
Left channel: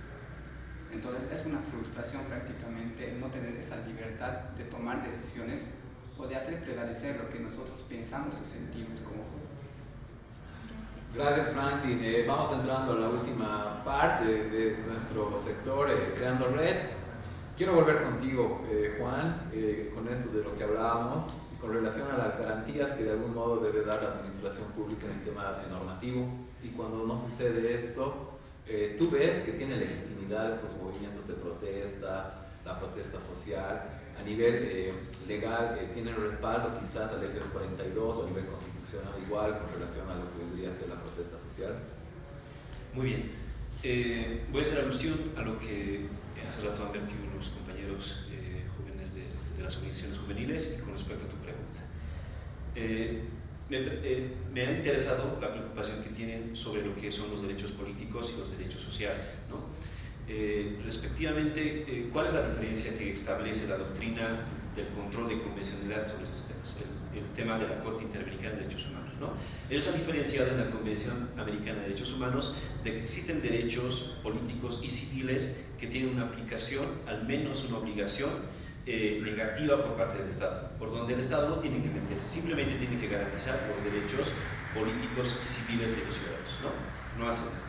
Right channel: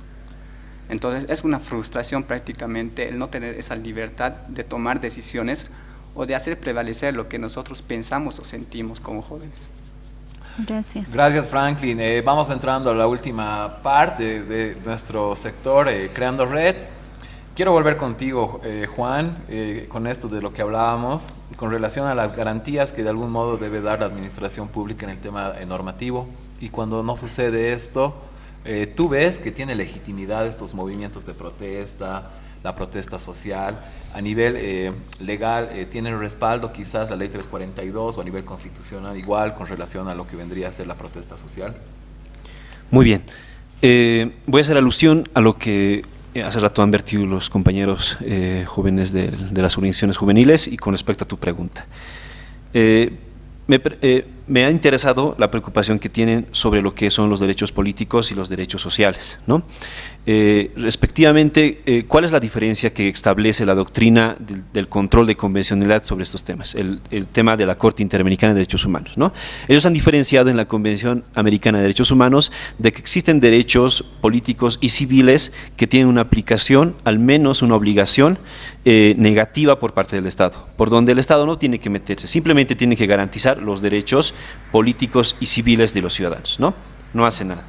Entonces es una frustración prácticamente el no tener esa libertad de tomar decisiones o de hacer prevalecer lo que nosotros pensamos o sentimos como jóvenes. Gracias. Gracias, Franklin. Vamos entrando a la última parte de nuestro sector, Creando Red. Quiero volver contigo, Juan, con esto de lo que hablábamos, con relación a las garantías que de algún modo debe dar la administración pública en el tema normativo. Y cuando no sucede esto, ¿tú ves que tiene legitimidad estos movimientos de protesta, la protesta social? A nivel legal, ¿tiene respaldo quizás la ley 342 o a nivel constitucional igual con relación a lo que vendría a ser la protesta social? Muy bien. Voy a hacer alusión a lo que hace rato han vertido los compañeros jóvenes de las organizaciones juveniles y con respecto a tu pregunta. Me ha interesado la preocupación que tienen sobre lo que son los derechos políticos y los derechos sociales, ¿no? Respectivamente, ¿cuál es la diferencia que establece la doctrina del control de convencionalidad sobre estos temas? El tema de la Corte Interamericana de Derechos Humanos, ¿no? Ellos han diferenciado en la Convención Americana de Derechos Humanos de que existen derechos políticos y civiles que tienen una aplicación, al menos una obligación negativa por parte del Estado, por donde el Estado no tiene que meterse, simplemente tiene que garantizar los derechos políticos y civiles de los ciudadanos, ¿no? No hace nada.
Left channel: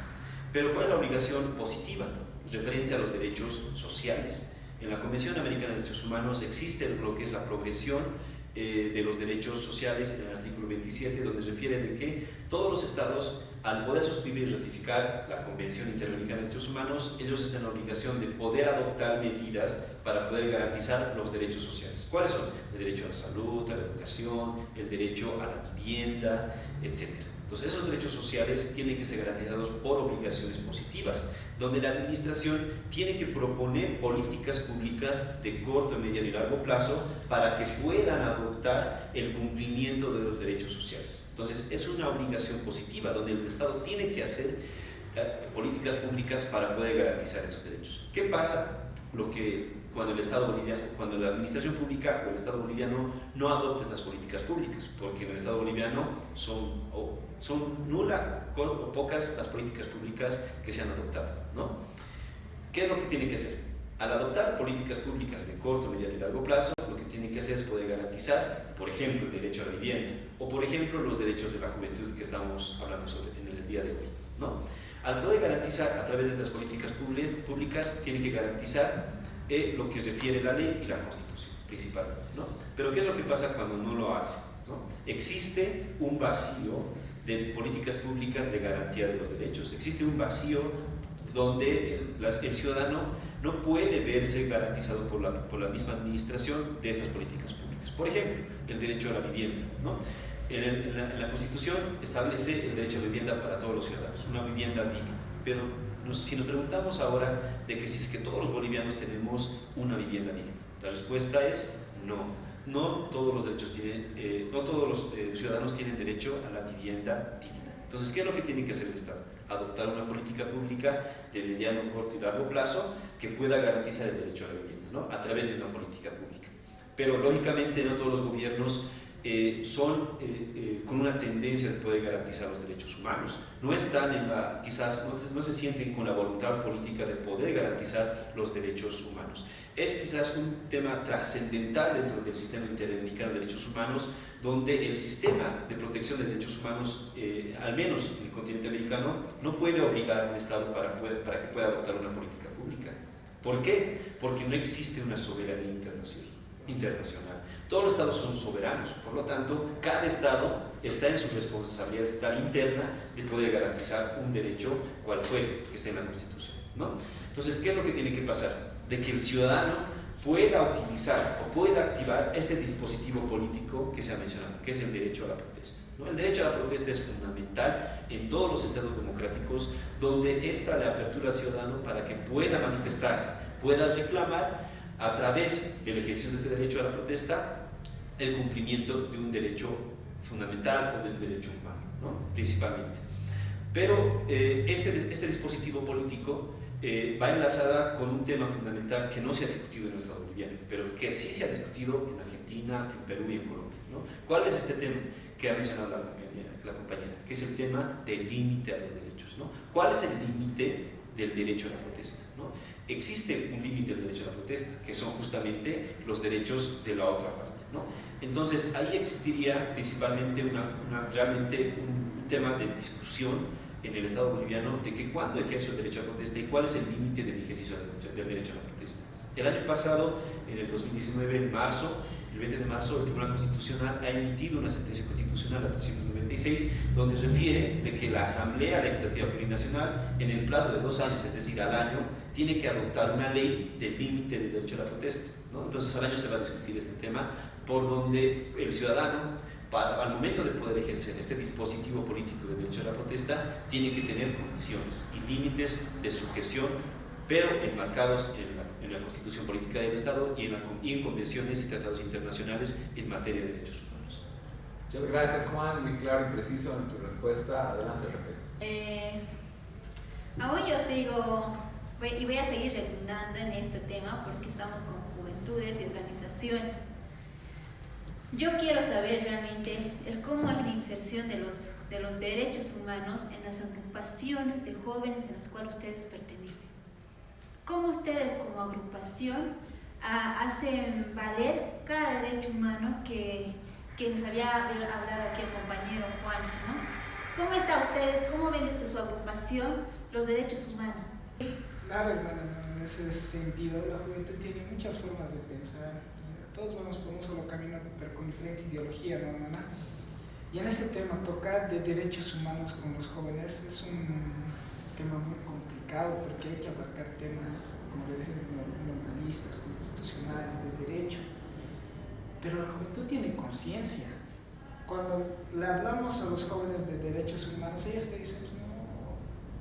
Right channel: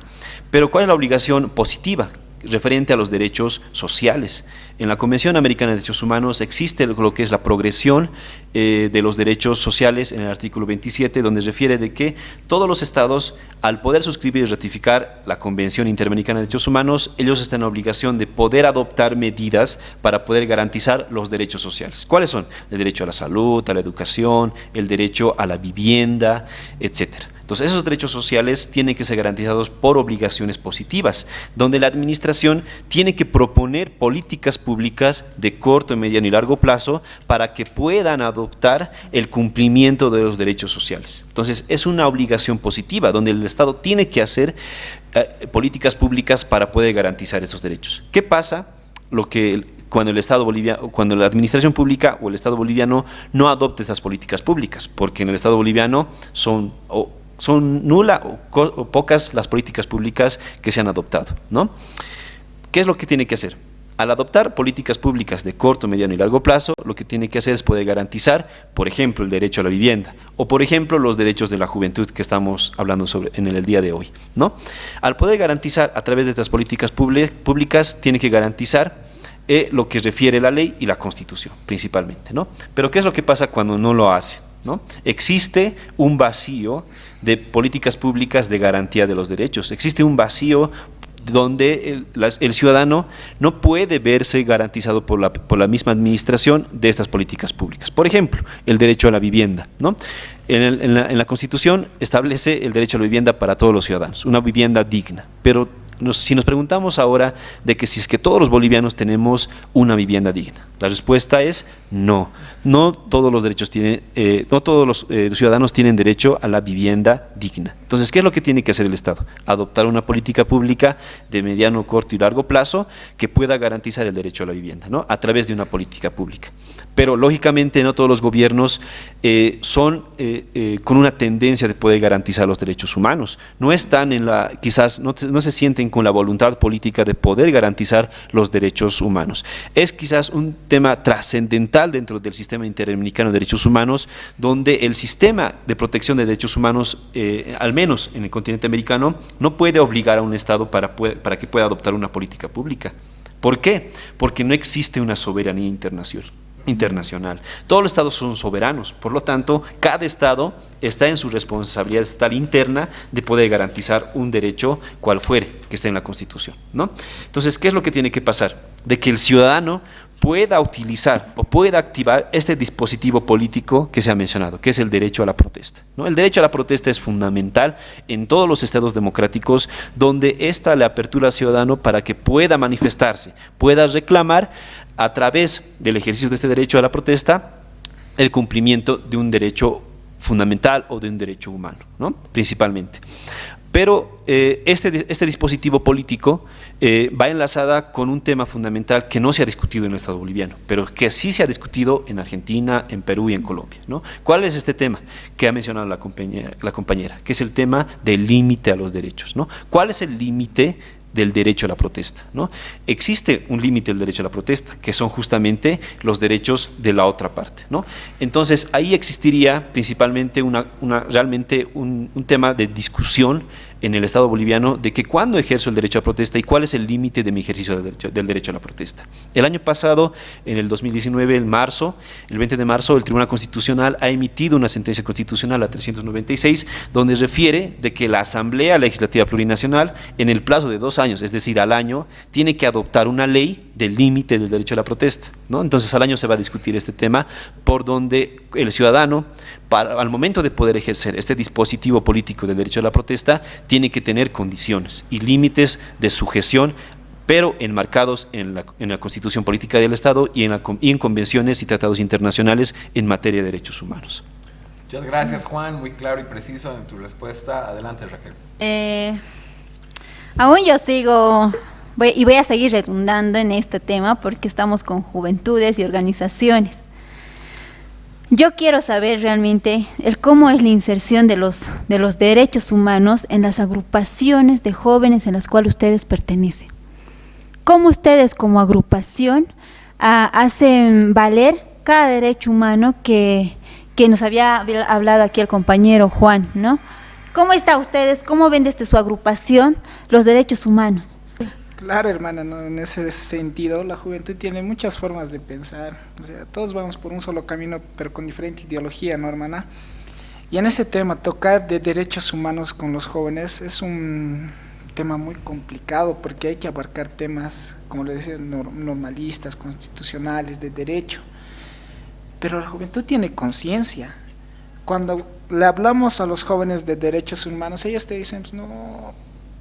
Pero ¿cuál es la obligación positiva? referente a los derechos sociales. En la Convención Americana de Derechos Humanos existe lo que es la progresión de los derechos sociales en el artículo 27, donde refiere de que todos los estados, al poder suscribir y ratificar la Convención Interamericana de Derechos Humanos, ellos están en obligación de poder adoptar medidas para poder garantizar los derechos sociales. ¿Cuáles son? El derecho a la salud, a la educación, el derecho a la vivienda, etcétera. Entonces, esos derechos sociales tienen que ser garantizados por obligaciones positivas, donde la administración tiene que proponer políticas públicas de corto, mediano y largo plazo para que puedan adoptar el cumplimiento de los derechos sociales. Entonces, es una obligación positiva, donde el Estado tiene que hacer políticas públicas para poder garantizar esos derechos. ¿Qué pasa? Cuando cuando la administración pública o el Estado boliviano no adopte estas políticas públicas, porque en el Estado boliviano son nulas o pocas las políticas públicas que se han adoptado, ¿no? ¿Qué es lo que tiene que hacer? Al adoptar políticas públicas de corto, mediano y largo plazo, lo que tiene que hacer es poder garantizar, por ejemplo, el derecho a la vivienda o, por ejemplo, los derechos de la juventud que estamos hablando sobre en el día de hoy, ¿no? Al poder garantizar a través de estas políticas públicas, tiene que garantizar lo que refiere la ley y la Constitución, principalmente, ¿no? Pero ¿qué es lo que pasa cuando no lo hace, ¿no? Existe un vacío de políticas públicas de garantía de los derechos. Existe un vacío donde el ciudadano no puede verse garantizado por la misma administración de estas políticas públicas. Por ejemplo, el derecho a la vivienda, ¿no? En la Constitución establece el derecho a la vivienda para todos los ciudadanos, una vivienda digna, pero si nos preguntamos ahora de que si es que todos los bolivianos tenemos una vivienda digna, la respuesta es no. No todos los derechos no todos los ciudadanos tienen derecho a la vivienda digna. Entonces, ¿qué es lo que tiene que hacer el Estado? Adoptar una política pública de mediano, corto y largo plazo que pueda garantizar el derecho a la vivienda, ¿no? A través de una política pública. Pero lógicamente no todos los gobiernos son con una tendencia de poder garantizar los derechos humanos. No están quizás no se sienten con la voluntad política de poder garantizar los derechos humanos. Es quizás un tema trascendental dentro del sistema interamericano de derechos humanos, donde el sistema de protección de derechos humanos, al menos en el continente americano, no puede obligar a un Estado para que pueda adoptar una política pública. ¿Por qué? Porque no existe una soberanía internacional. Todos los estados son soberanos, por lo tanto, cada estado está en su responsabilidad estatal interna de poder garantizar un derecho cual fuere que esté en la Constitución, ¿no? Entonces, ¿qué es lo que tiene que pasar? De que el ciudadano pueda utilizar o pueda activar este dispositivo político que se ha mencionado, que es el derecho a la protesta, ¿no? El derecho a la protesta es fundamental en todos los estados democráticos, donde esta le apertura al ciudadano para que pueda manifestarse, pueda reclamar a través del ejercicio de este derecho a la protesta el cumplimiento de un derecho fundamental o de un derecho humano, ¿no? Principalmente. Pero este dispositivo político va enlazada con un tema fundamental que no se ha discutido en el Estado boliviano, pero que sí se ha discutido en Argentina, en Perú y en Colombia, ¿no? ¿Cuál es este tema que ha mencionado la compañera? Que es el tema del límite a los derechos, ¿no? ¿Cuál es el límite del derecho a la protesta, ¿no? Existe un límite del derecho a la protesta, que son justamente los derechos de la otra parte, ¿no? Entonces, ahí existiría principalmente realmente un tema de discusión en el Estado boliviano de que cuándo ejerzo el derecho a protesta y cuál es el límite de mi ejercicio del derecho a la protesta. El año pasado, en el 2019, el 20 de marzo, el Tribunal Constitucional ha emitido una sentencia constitucional, la 396, donde refiere de que la Asamblea Legislativa Plurinacional, en el plazo de 2 años, es decir, al año, tiene que adoptar una ley del límite del derecho a la protesta, ¿no? Entonces, al año se va a discutir este tema, por donde el ciudadano, al momento de poder ejercer este dispositivo político del derecho a la protesta, tiene que tener condiciones y límites de sujeción, pero enmarcados en la Constitución Política del Estado y en convenciones y tratados internacionales en materia de derechos humanos. Muchas gracias, Juan, muy claro y preciso en tu respuesta. Adelante, Raquel. Aún yo sigo voy a seguir redundando en este tema porque estamos con juventudes y organizaciones. Yo quiero saber realmente cómo es la inserción de los derechos humanos en las agrupaciones de jóvenes en las cuales ustedes pertenecen. ¿Cómo ustedes como agrupación hacen valer cada derecho humano que nos había hablado aquí el compañero Juan, ¿no? ¿Cómo está ustedes? ¿Cómo ven desde su agrupación los derechos humanos? Claro, hermana, ¿no? En ese sentido, la juventud tiene muchas formas de pensar. O sea, todos vamos por un solo camino, pero con diferente ideología, ¿no, hermana? Y en ese tema, tocar de derechos humanos con los jóvenes es un tema muy complicado porque hay que abarcar temas, como le decía, normalistas, constitucionales, de derecho. Pero la juventud tiene conciencia. Cuando le hablamos a los jóvenes de derechos humanos, ellos te dicen, pues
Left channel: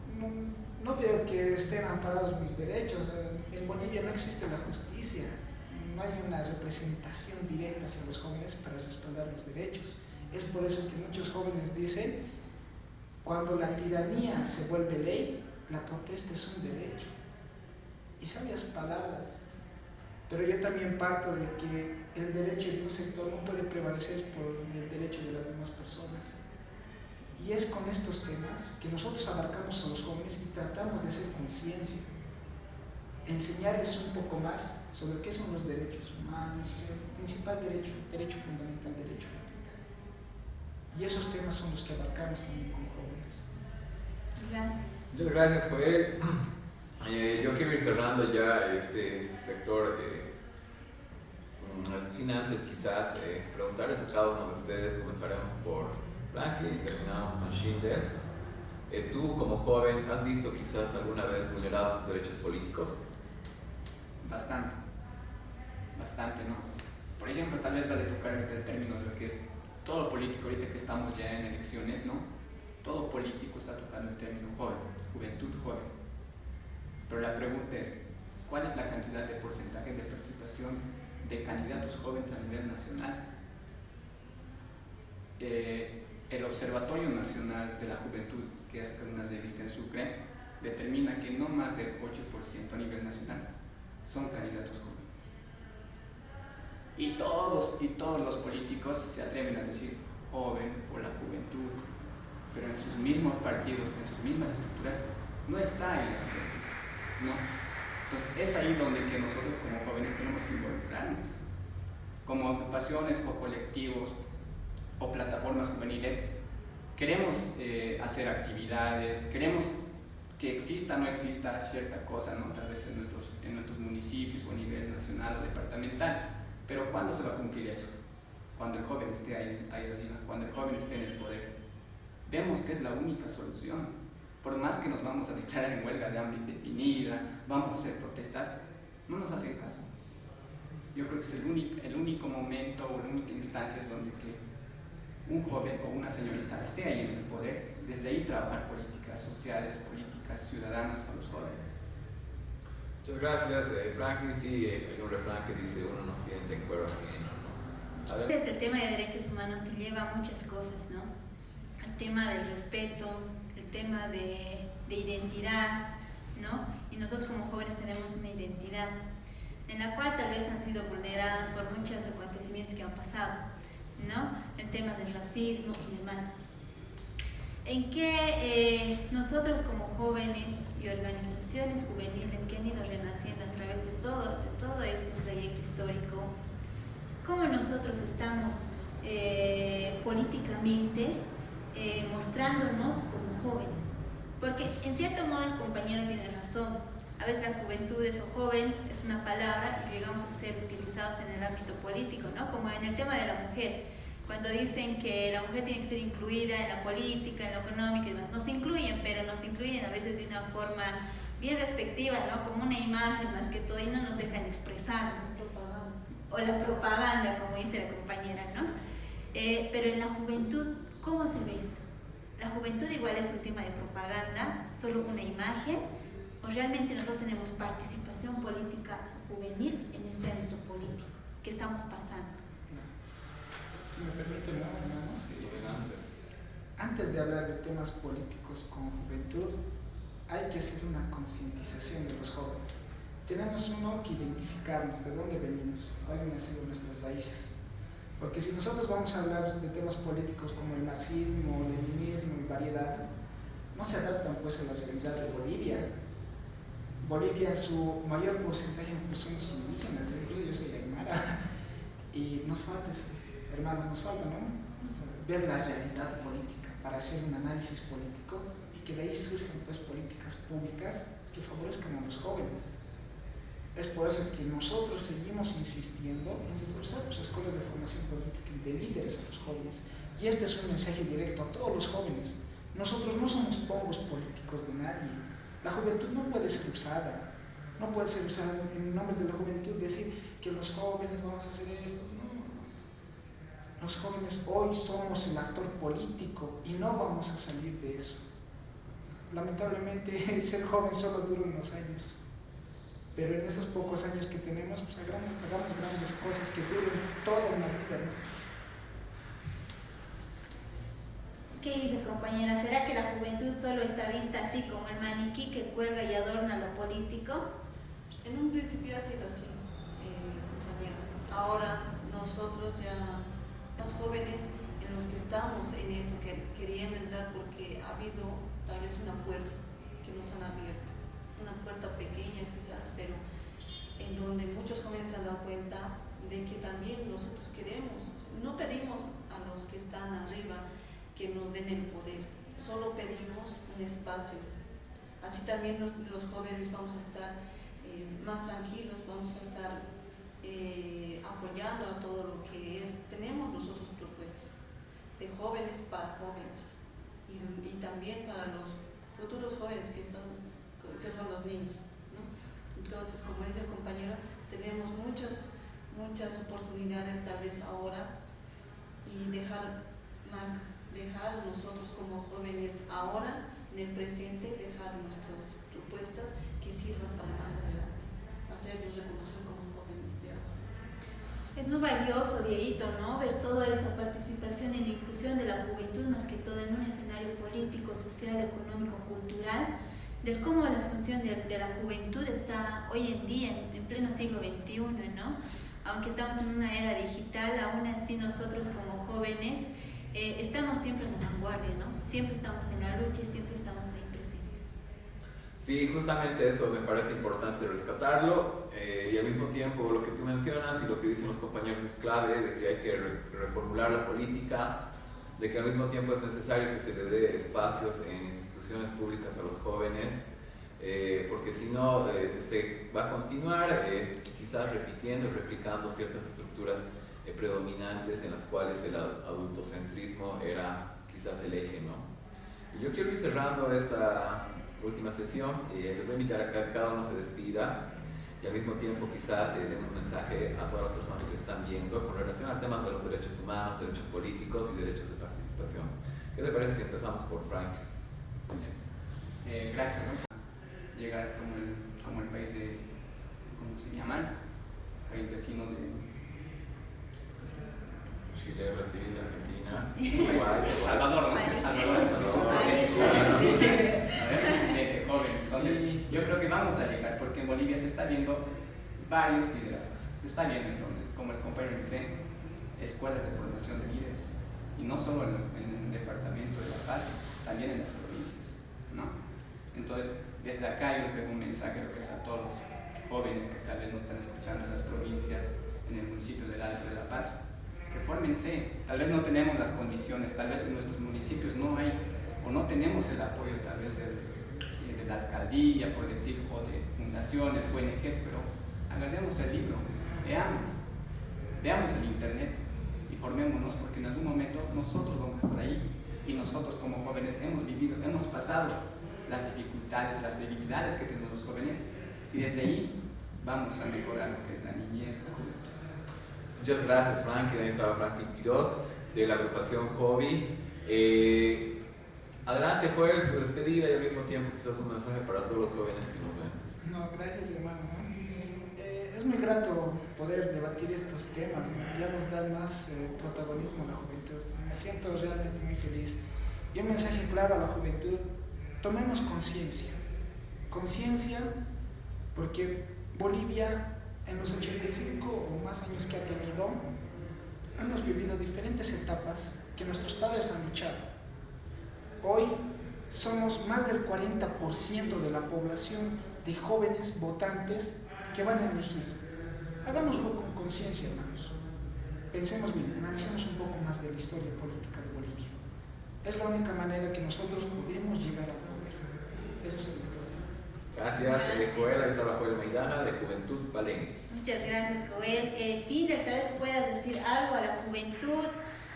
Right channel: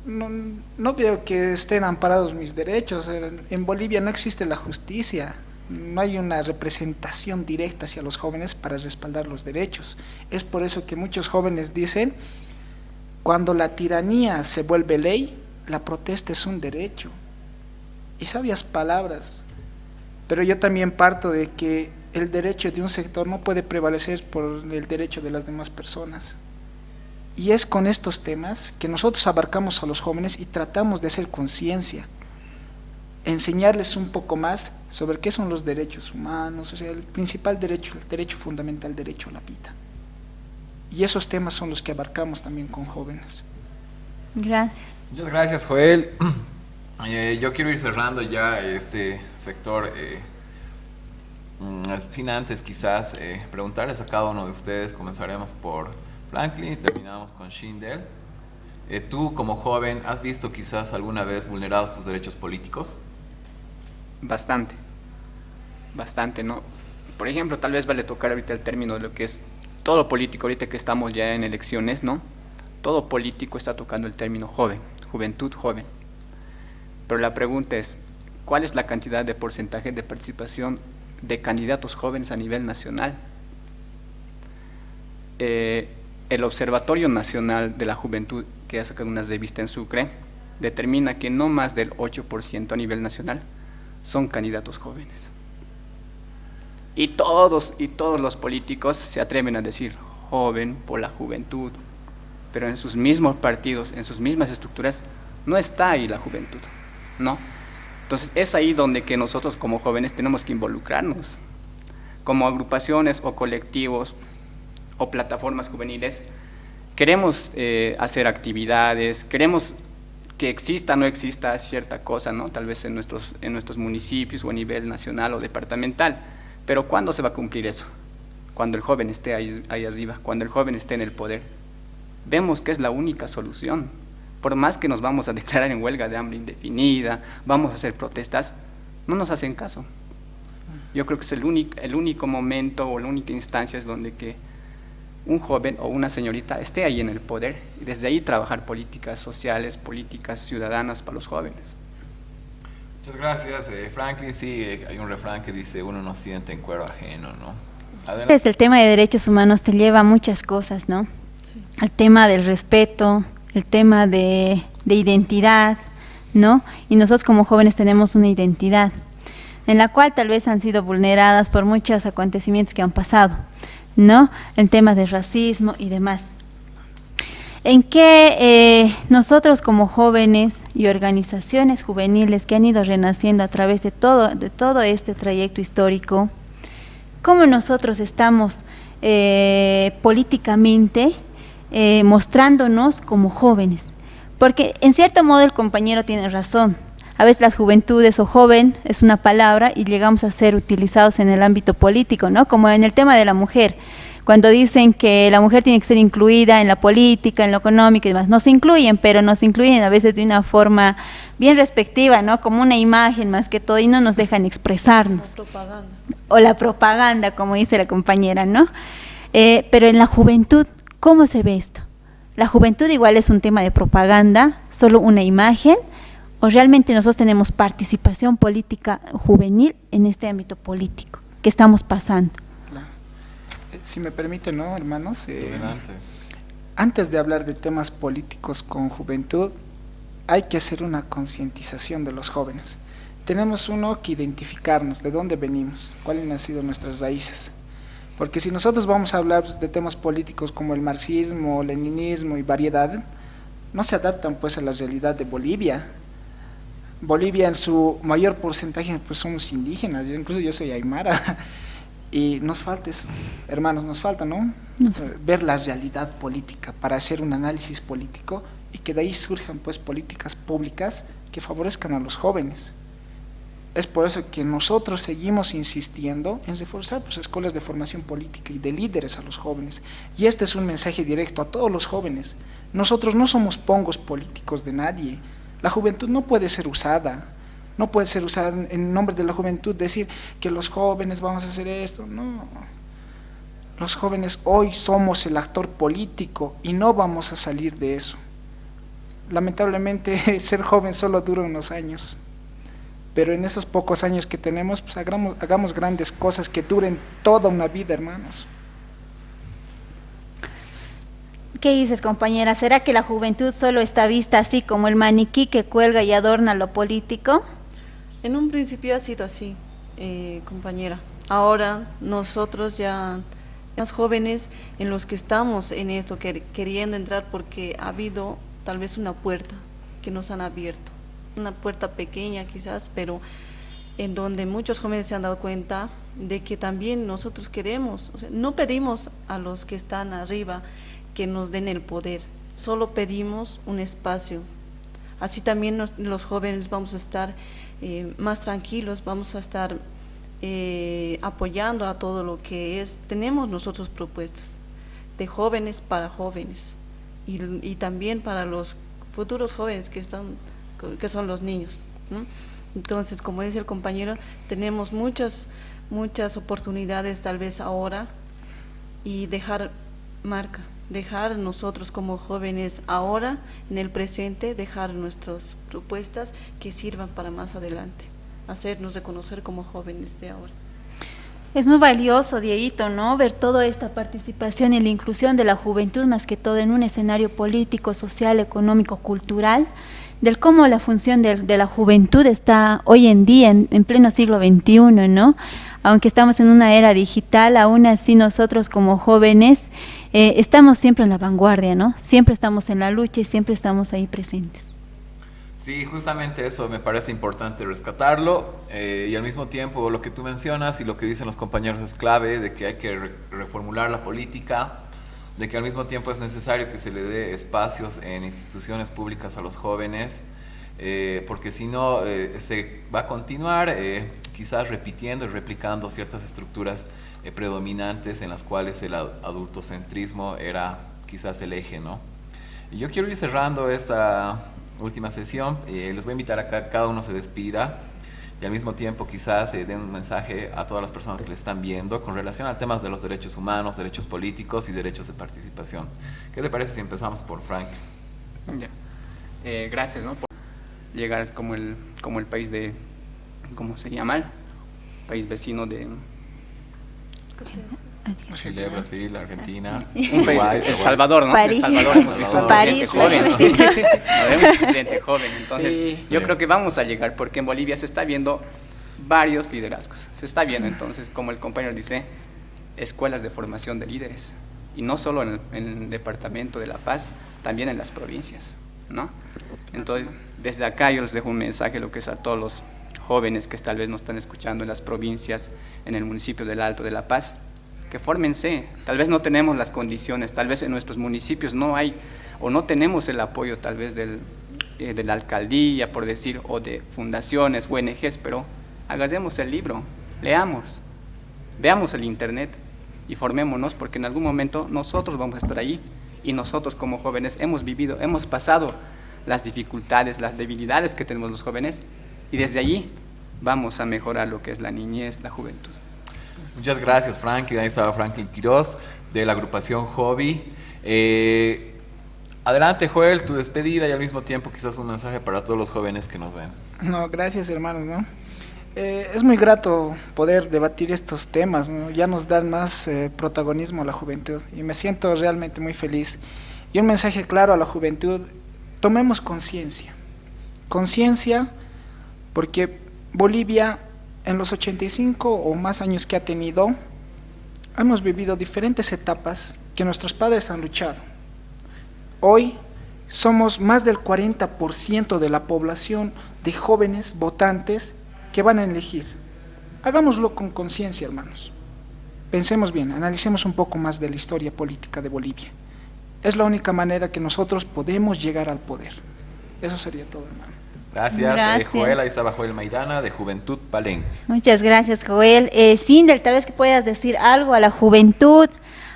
no veo que estén amparados mis derechos. En Bolivia no existe la justicia, no hay una representación directa hacia los jóvenes para respaldar los derechos. Es por eso que muchos jóvenes dicen, cuando la tiranía se vuelve ley, la protesta es un derecho. Y sabias palabras, pero yo también parto de que el derecho de un sector no puede prevalecer por el derecho de las demás personas. Y es con estos temas que nosotros abarcamos a los jóvenes y tratamos de hacer conciencia, enseñarles un poco más sobre qué son los derechos humanos, o sea, el principal derecho, el derecho fundamental, el derecho a la vida. Y esos temas son los que abarcamos también con jóvenes. Gracias. Muchas gracias, Joel. Yo quiero ir cerrando ya este sector, sin antes quizás preguntarles a cada uno de ustedes. Comenzaremos por Franklin y terminamos con Schindel. Tú como joven, ¿has visto quizás alguna vez vulnerados tus derechos políticos? Bastante, ¿no? Por ejemplo, tal vez vale tocar ahorita el término de lo que es todo político, ahorita que estamos ya en elecciones, ¿no? Todo político está tocando el término joven, juventud joven. Pero la pregunta es, ¿cuál es la cantidad de porcentaje de participación de candidatos jóvenes a nivel nacional? El Observatorio Nacional de la Juventud, que ha sacado unas revistas en Sucre, determina que no más del 8% a nivel nacional son candidatos jóvenes. Y todos los políticos se atreven a decir joven por la juventud, pero en sus mismos partidos, en sus mismas estructuras, no está ahí la juventud, ¿no? Entonces es ahí donde que nosotros como jóvenes tenemos que involucrarnos, como agrupaciones o colectivos o plataformas juveniles. Queremos hacer actividades, queremos que exista o no exista cierta cosa, ¿no? Tal vez en nuestros municipios o a nivel nacional o departamental, pero ¿cuándo se va a cumplir eso? Cuando el joven esté ahí arriba, cuando el joven esté en el poder. Vemos que es la única solución. Por más que nos vamos a declarar en huelga de hambre indefinida, vamos a hacer protestas, no nos hacen caso. Yo creo que es el único momento o la única instancia es donde que un joven o una señorita esté ahí en el poder y desde ahí trabajar políticas sociales, políticas ciudadanas para los jóvenes. Muchas gracias, Franklin. Sí, hay un refrán que dice, uno no siente en cuero ajeno, ¿no? Adelante. El tema de derechos humanos te lleva a muchas cosas, ¿no? Sí. Al tema del respeto, el tema de identidad, ¿no? Y nosotros como jóvenes tenemos una identidad en la cual tal vez han sido vulneradas por muchos acontecimientos que han pasado, ¿no? El tema de racismo y demás. En que nosotros como jóvenes y organizaciones juveniles que han ido renaciendo a través de todo este trayecto histórico, cómo nosotros estamos políticamente mostrándonos como jóvenes. Porque en cierto modo el compañero tiene razón. A veces las juventudes o joven es una palabra y llegamos a ser utilizados en el ámbito político, ¿no? Como en el tema de la mujer. Cuando dicen que la mujer tiene que ser incluida en la política, en lo económico y demás, nos incluyen, pero nos incluyen a veces de una forma bien respectiva, ¿no? Como una imagen más que todo y no nos dejan expresarnos. La propaganda. O la propaganda, como dice la compañera, ¿no? Pero en la juventud, ¿cómo se ve esto? ¿La juventud igual es un tema de propaganda, solo una imagen? ¿O realmente nosotros tenemos participación política juvenil en este ámbito político que estamos pasando? Si me permite, ¿no, hermanos? Adelante. Antes de hablar de temas políticos con juventud, hay que hacer una concientización de los jóvenes. Tenemos que identificarnos de dónde venimos, cuáles han sido nuestras raíces. Porque si nosotros vamos a hablar de temas políticos como el marxismo, leninismo y variedad, no se adaptan pues a la realidad de Bolivia. Bolivia en su mayor porcentaje pues somos indígenas, incluso yo soy aymara. Y nos falta eso, hermanos, nos falta, ¿no? Ver la realidad política para hacer un análisis político y que de ahí surjan pues políticas públicas que favorezcan a los jóvenes. Es por eso que nosotros seguimos insistiendo en reforzar pues, escuelas de formación política y de líderes a los jóvenes. Y este es un mensaje directo a todos los jóvenes. Nosotros no somos pongos políticos de nadie. La juventud no puede ser usada. No puede ser usada en nombre de la juventud, decir que los jóvenes vamos a hacer esto. No. Los jóvenes hoy somos el actor político y no vamos a salir de eso. Lamentablemente, ser joven solo dura unos años. Pero en esos pocos años que tenemos, pues hagamos grandes cosas que duren toda una vida, hermanos. ¿Qué dices, compañera? ¿Será que la juventud solo está vista así como el maniquí que cuelga y adorna lo político? En un principio ha sido así, compañera. Ahora nosotros ya, los jóvenes en los que estamos en esto, queriendo entrar porque ha habido tal vez una puerta que nos han abierto. Una puerta pequeña quizás, pero en donde muchos jóvenes se han dado cuenta de que también nosotros queremos, o sea, no pedimos a los que están arriba que nos den el poder, solo pedimos un espacio. Así también los jóvenes vamos a estar más tranquilos, vamos a estar apoyando a todo lo que tenemos nosotros propuestas, de jóvenes para jóvenes, y también para los futuros jóvenes que son los niños, ¿no? Entonces, como dice el compañero, tenemos muchas oportunidades tal vez ahora, y dejar marca, dejar nosotros como jóvenes ahora, en el presente, dejar nuestras propuestas que sirvan para más adelante, hacernos reconocer como jóvenes de ahora. Es muy valioso, Dieguito, ¿no? Ver toda esta participación y la inclusión de la juventud, más que todo en un escenario político, social, económico, cultural, del cómo la función de la juventud está hoy en día, en pleno siglo XXI, ¿no? Aunque estamos en una era digital, aún así nosotros como jóvenes estamos siempre en la vanguardia, ¿no? Siempre estamos en la lucha y siempre estamos ahí presentes. Sí, justamente eso me parece importante rescatarlo, y al mismo tiempo lo que tú mencionas y lo que dicen los compañeros es clave, de que hay que reformular la política, de que al mismo tiempo es necesario que se le dé espacios en instituciones públicas a los jóvenes, porque si no se va a continuar quizás repitiendo y replicando ciertas estructuras predominantes en las cuales el adultocentrismo era quizás el eje, ¿no? Y yo quiero ir cerrando esta última sesión, les voy a invitar a que cada uno se despida y al mismo tiempo quizás den un mensaje a todas las personas que le están viendo con relación a temas de los derechos humanos, derechos políticos y derechos de participación. ¿Qué te parece si empezamos por Frank? Ya. Gracias, ¿no? Por llegar como el país de, ¿cómo se llama? País vecino de Chile, Brasil, Argentina, Uruguay, El Salvador, ¿no? París. El Salvador, París, joven, ¿no? sí. Un presidente joven. Entonces, Sí. yo creo que vamos a llegar, porque en Bolivia se está viendo varios liderazgos. Se está viendo, entonces, como el compañero dice, escuelas de formación de líderes. Y no solo en el departamento de La Paz, también en las provincias, ¿no? Entonces, desde acá yo les dejo un mensaje, lo que es a todos los jóvenes que tal vez nos están escuchando en las provincias, en el municipio del Alto de La Paz, que fórmense. Tal vez no tenemos las condiciones, tal vez en nuestros municipios no hay o no tenemos el apoyo tal vez de la alcaldía, por decir, o de fundaciones, ONGs, pero hagamos el libro, leamos, veamos el internet y formémonos, porque en algún momento nosotros vamos a estar ahí, y nosotros como jóvenes hemos vivido, hemos pasado las dificultades, las debilidades que tenemos los jóvenes, y desde allí vamos a mejorar lo que es la niñez, la juventud. Muchas gracias, Franklin. Ahí estaba Franklin Quiroz, de la agrupación Hobby. Adelante, Joel, tu despedida y al mismo tiempo quizás un mensaje para todos los jóvenes que nos ven. No, gracias, hermanos, ¿no? Es muy grato poder debatir estos temas, ¿no? Ya nos dan más protagonismo a la juventud y me siento realmente muy feliz. Y un mensaje claro a la juventud: tomemos conciencia. Conciencia, porque Bolivia, en los 85 o más años que ha tenido, hemos vivido diferentes etapas que nuestros padres han luchado. Hoy somos más del 40% de la población de jóvenes votantes que van a elegir. Hagámoslo con conciencia, hermanos. Pensemos bien, analicemos un poco más de la historia política de Bolivia. Es la única manera que nosotros podemos llegar al poder. Eso sería todo, hermano. Gracias, Gracias. Joel. Ahí estaba Joel Maidana, de Juventud Palenque. Muchas gracias, Joel. Sindel, tal vez que puedas decir algo a la juventud,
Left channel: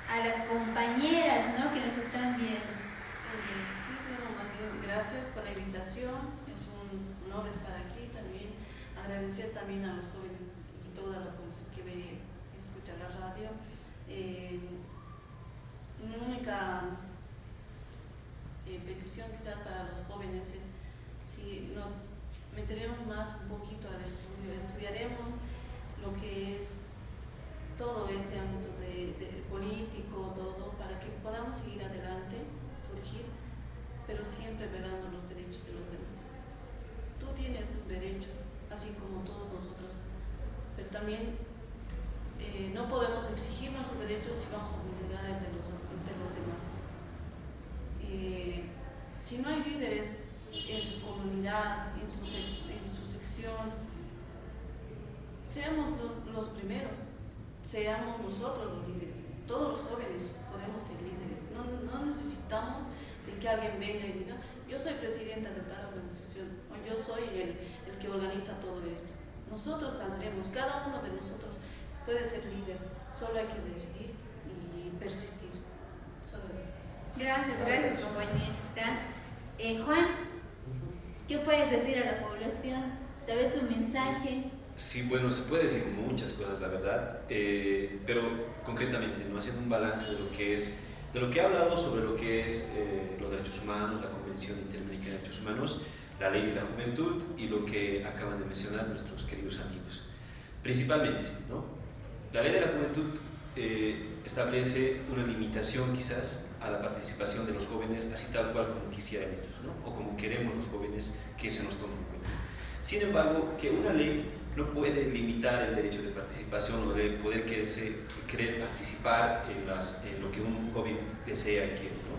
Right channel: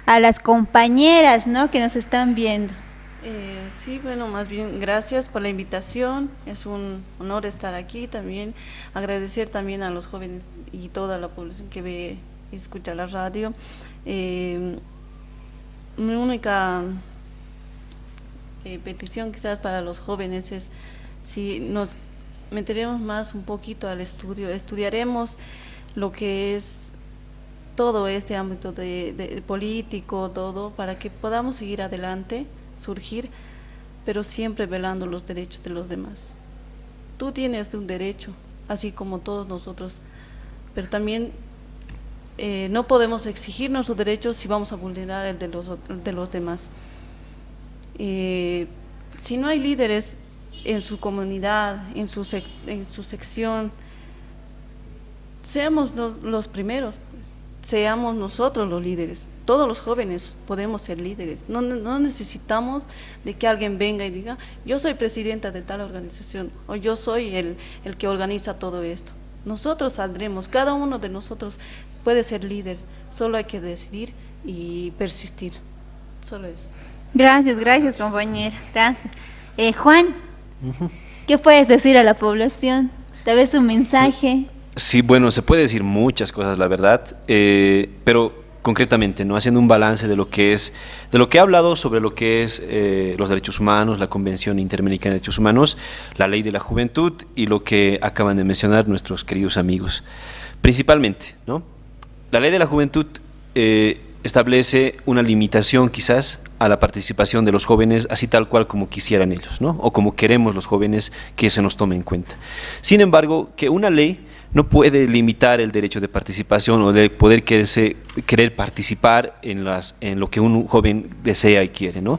a las compañeras, ¿no?, que nos están viendo. Sí, bueno, más bien gracias por la invitación, es un honor estar aquí también, agradecer también a los jóvenes y toda la población que ve y escucha la radio. Mi única petición quizás para los jóvenes es si nos meteremos más un poquito al estudio, estudiaremos lo que es todo este ámbito de político, todo, para que podamos seguir adelante, surgir, pero siempre velando los derechos de los demás. Tú tienes un derecho, así como todos nosotros, pero también no podemos exigir nuestros derechos si vamos a vulnerar el de los demás. Si no hay líderes en su comunidad, en su sección, seamos los primeros, seamos nosotros los líderes. Todos los jóvenes podemos ser líderes, no necesitamos de que alguien venga y diga, yo soy presidenta de tal organización, o yo soy el que organiza todo esto. Nosotros saldremos, cada uno de nosotros puede ser líder, solo hay que decidir y persistir, solo eso. Gracias, compañera. Gracias. Juan, ¿qué puedes decir a la población? Tal vez un mensaje. Sí, bueno, se puede decir muchas cosas, la verdad, pero concretamente, ¿no?, haciendo un balance de lo que he hablado sobre lo que es los derechos humanos, la Convención Interamericana de Derechos Humanos, la Ley de la Juventud y lo que acaban de mencionar nuestros queridos amigos. Principalmente, ¿no?, la Ley de la Juventud establece una limitación quizás a la participación de los jóvenes, así tal cual como quisieran ellos, ¿no?, o como queremos los jóvenes que se nos tome en cuenta. Sin embargo, que una ley no puede limitar el derecho de participación o de poder querer participar en lo que un joven desea y quiere, ¿no?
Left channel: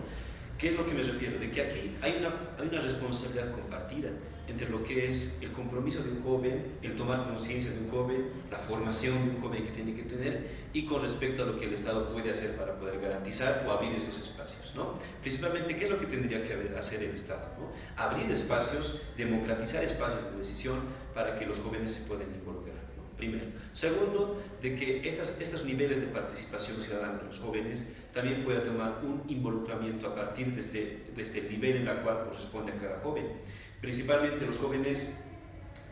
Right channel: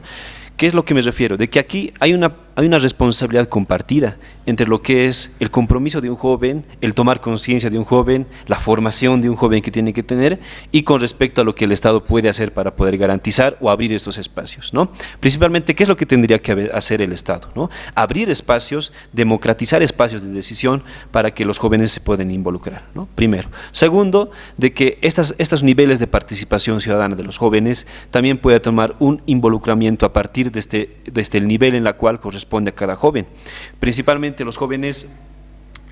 ¿Qué es lo que me refiero? De que aquí hay una responsabilidad compartida entre lo que es el compromiso de un joven, el tomar conciencia de un joven, la formación de un joven que tiene que tener, y con respecto a lo que el Estado puede hacer para poder garantizar o abrir estos espacios, ¿no? Principalmente, ¿qué es lo que tendría que hacer el Estado, ¿no? Abrir espacios, democratizar espacios de decisión para que los jóvenes se puedan involucrar, ¿no? Primero. Segundo, de que estos niveles de participación ciudadana de los jóvenes también pueda tomar un involucramiento a partir desde el nivel en la cual corresponde a cada joven. Principalmente los jóvenes,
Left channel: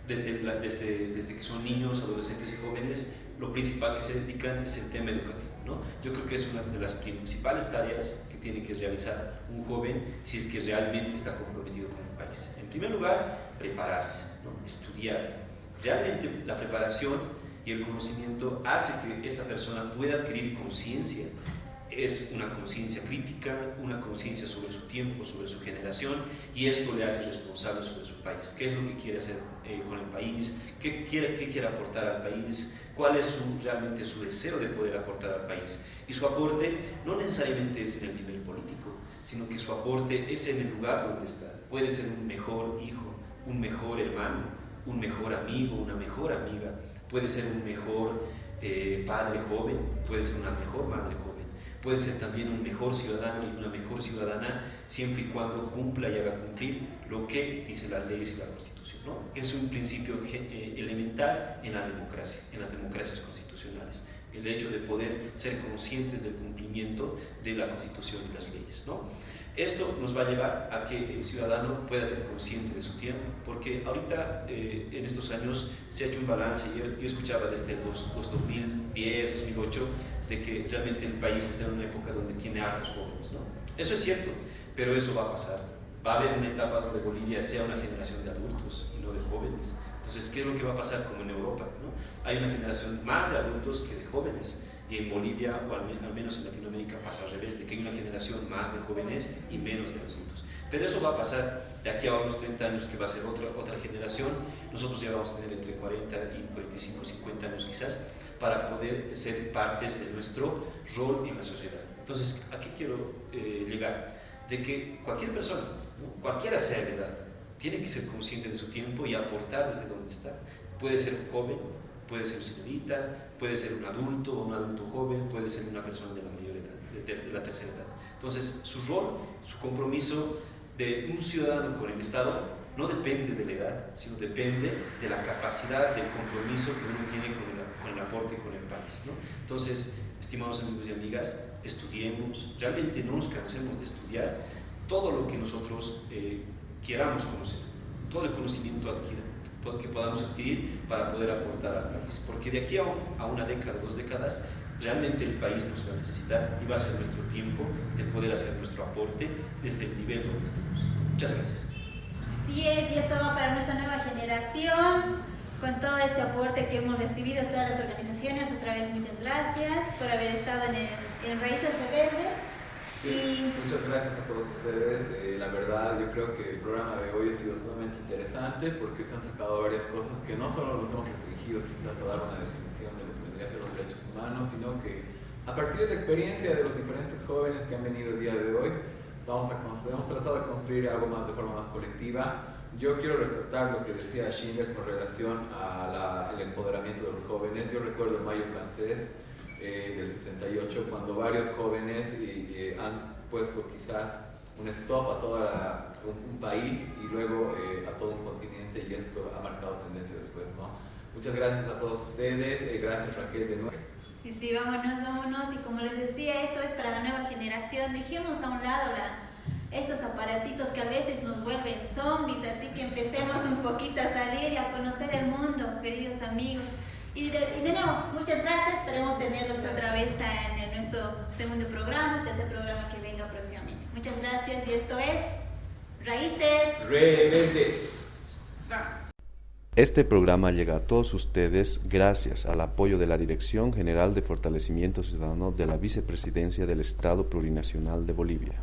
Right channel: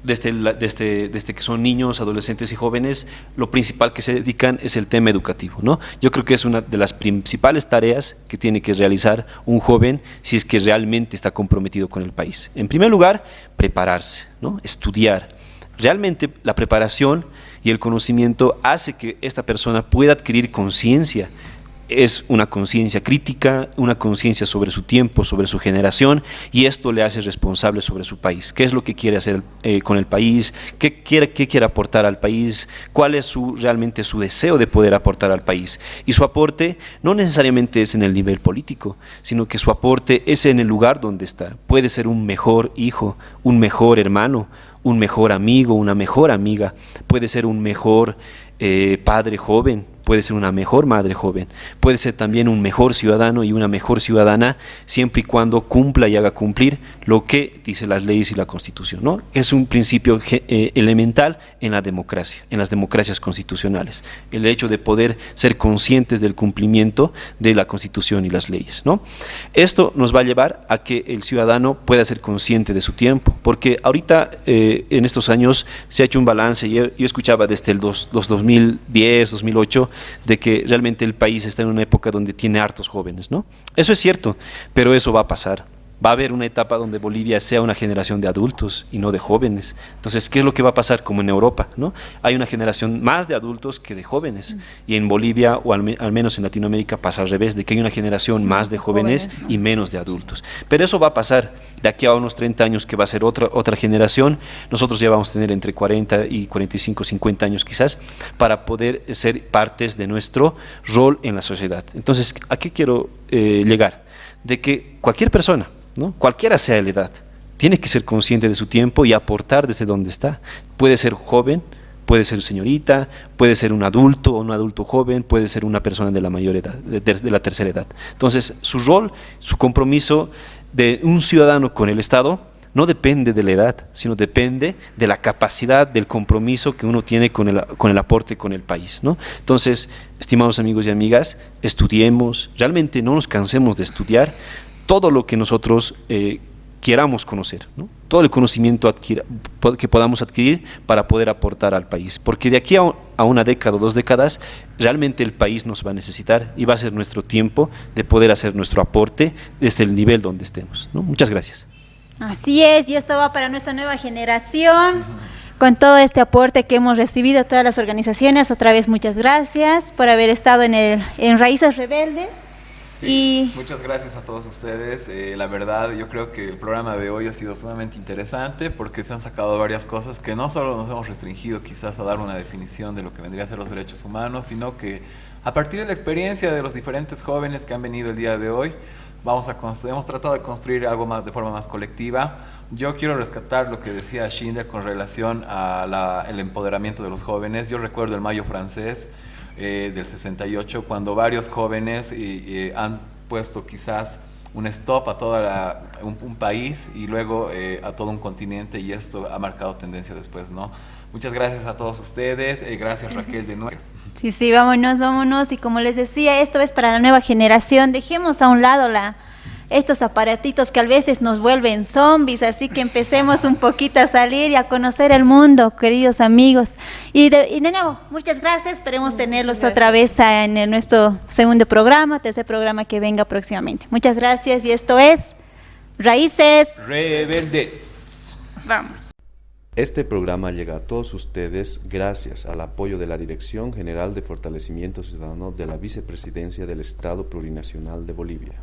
desde que son niños, adolescentes y jóvenes, lo principal que se dedican es el tema educativo, ¿no? Yo creo que es una de las principales tareas que tiene que realizar un joven si es que realmente está comprometido con el país. En primer lugar, prepararse, ¿no?, estudiar. Realmente la preparación y el conocimiento hace que esta persona pueda adquirir conciencia. Es una conciencia crítica, una conciencia sobre su tiempo, sobre su generación, y esto le hace responsable sobre su país. ¿Qué es lo que quiere hacer con el país? ¿Qué quiere aportar al país? ¿Cuál es realmente su deseo de poder aportar al país? Y su aporte no necesariamente es en el nivel político, sino que su aporte es en el lugar donde está. Puede ser un mejor hijo, un mejor hermano, un mejor amigo, una mejor amiga, puede ser un mejor padre joven, puede ser una mejor madre joven, puede ser también un mejor ciudadano y una mejor ciudadana, siempre y cuando cumpla y haga cumplir lo que dice las leyes y la Constitución, ¿no? Es un principio elemental en la democracia, en las democracias constitucionales, el hecho de poder ser conscientes del cumplimiento de la Constitución y las leyes, ¿no? Esto nos va a llevar a que el ciudadano pueda ser consciente de su tiempo, porque ahorita en estos años se ha hecho un balance. Yo escuchaba desde los 2010, 2008, de que realmente el país está en una época donde tiene hartos jóvenes, ¿no? Eso es cierto, pero eso va a pasar. Va a haber una etapa donde Bolivia sea una generación de adultos y no de jóvenes. Entonces, ¿qué es lo que va a pasar? Como en Europa, ¿no? Hay una generación más de adultos que de jóvenes. Y en Bolivia, o al menos en Latinoamérica, pasa al revés, de que hay una generación más de jóvenes, ¿no?, y menos de adultos. Pero eso va a pasar de aquí a unos 30 años, que va a ser otra generación. Nosotros ya vamos a tener entre 40 y 45, 50 años quizás, para poder ser partes de nuestro rol en la sociedad. Entonces, ¿a qué quiero llegar? De que cualquier persona, ¿no?, cualquiera sea la edad, tiene que ser consciente de su tiempo y aportar desde donde está. Puede ser joven, puede ser señorita, puede ser un adulto o un adulto joven, puede ser una persona de la mayor edad, de la tercera edad. Entonces, su rol, su compromiso de un ciudadano con el Estado no depende de la edad, sino depende de la capacidad, del compromiso que uno tiene con el aporte con el país, ¿no? Entonces, estimados amigos y amigas, estudiemos, realmente no nos cansemos de estudiar todo lo que nosotros queramos conocer, ¿no? Todo el conocimiento que podamos adquirir para poder aportar al país, porque de aquí a una década o 2 décadas realmente el país nos va a necesitar y va a ser nuestro tiempo de poder hacer nuestro aporte desde el nivel donde estemos, ¿no? Muchas gracias. Así es, y esto va para nuestra nueva generación, con todo este aporte que hemos recibido de todas las organizaciones. Otra vez muchas gracias por haber estado en Raíces Rebeldes. Sí, muchas gracias a todos ustedes. La verdad, yo creo que el programa de hoy ha sido sumamente interesante porque se han sacado varias cosas que no solo nos hemos restringido quizás a dar una definición de lo que vendría a ser los derechos humanos, sino que a partir de la experiencia de los diferentes jóvenes que han venido el día de hoy, hemos tratado de construir algo más de forma más colectiva. Yo quiero rescatar lo que decía Schindler con relación al empoderamiento de los jóvenes. Yo recuerdo el Mayo francés del 68, cuando varios jóvenes han puesto quizás un stop a todo un país y luego a todo un continente, y esto ha marcado tendencia después, ¿no? Muchas gracias a todos ustedes, gracias Raquel de nuevo. Sí, vámonos, y como les decía, esto es para la nueva generación. Dejemos a un lado estos aparatitos que a veces nos vuelven zombies, así que empecemos un poquito a salir y a conocer el mundo, queridos amigos. Y de nuevo, muchas gracias, esperemos tenerlos otra vez en nuestro segundo programa, tercer programa que venga próximamente. Muchas gracias, y esto es Raíces Rebeldes. Vamos. Este programa llega a todos ustedes gracias al apoyo de la Dirección General de Fortalecimiento Ciudadano de la Vicepresidencia del Estado Plurinacional de Bolivia.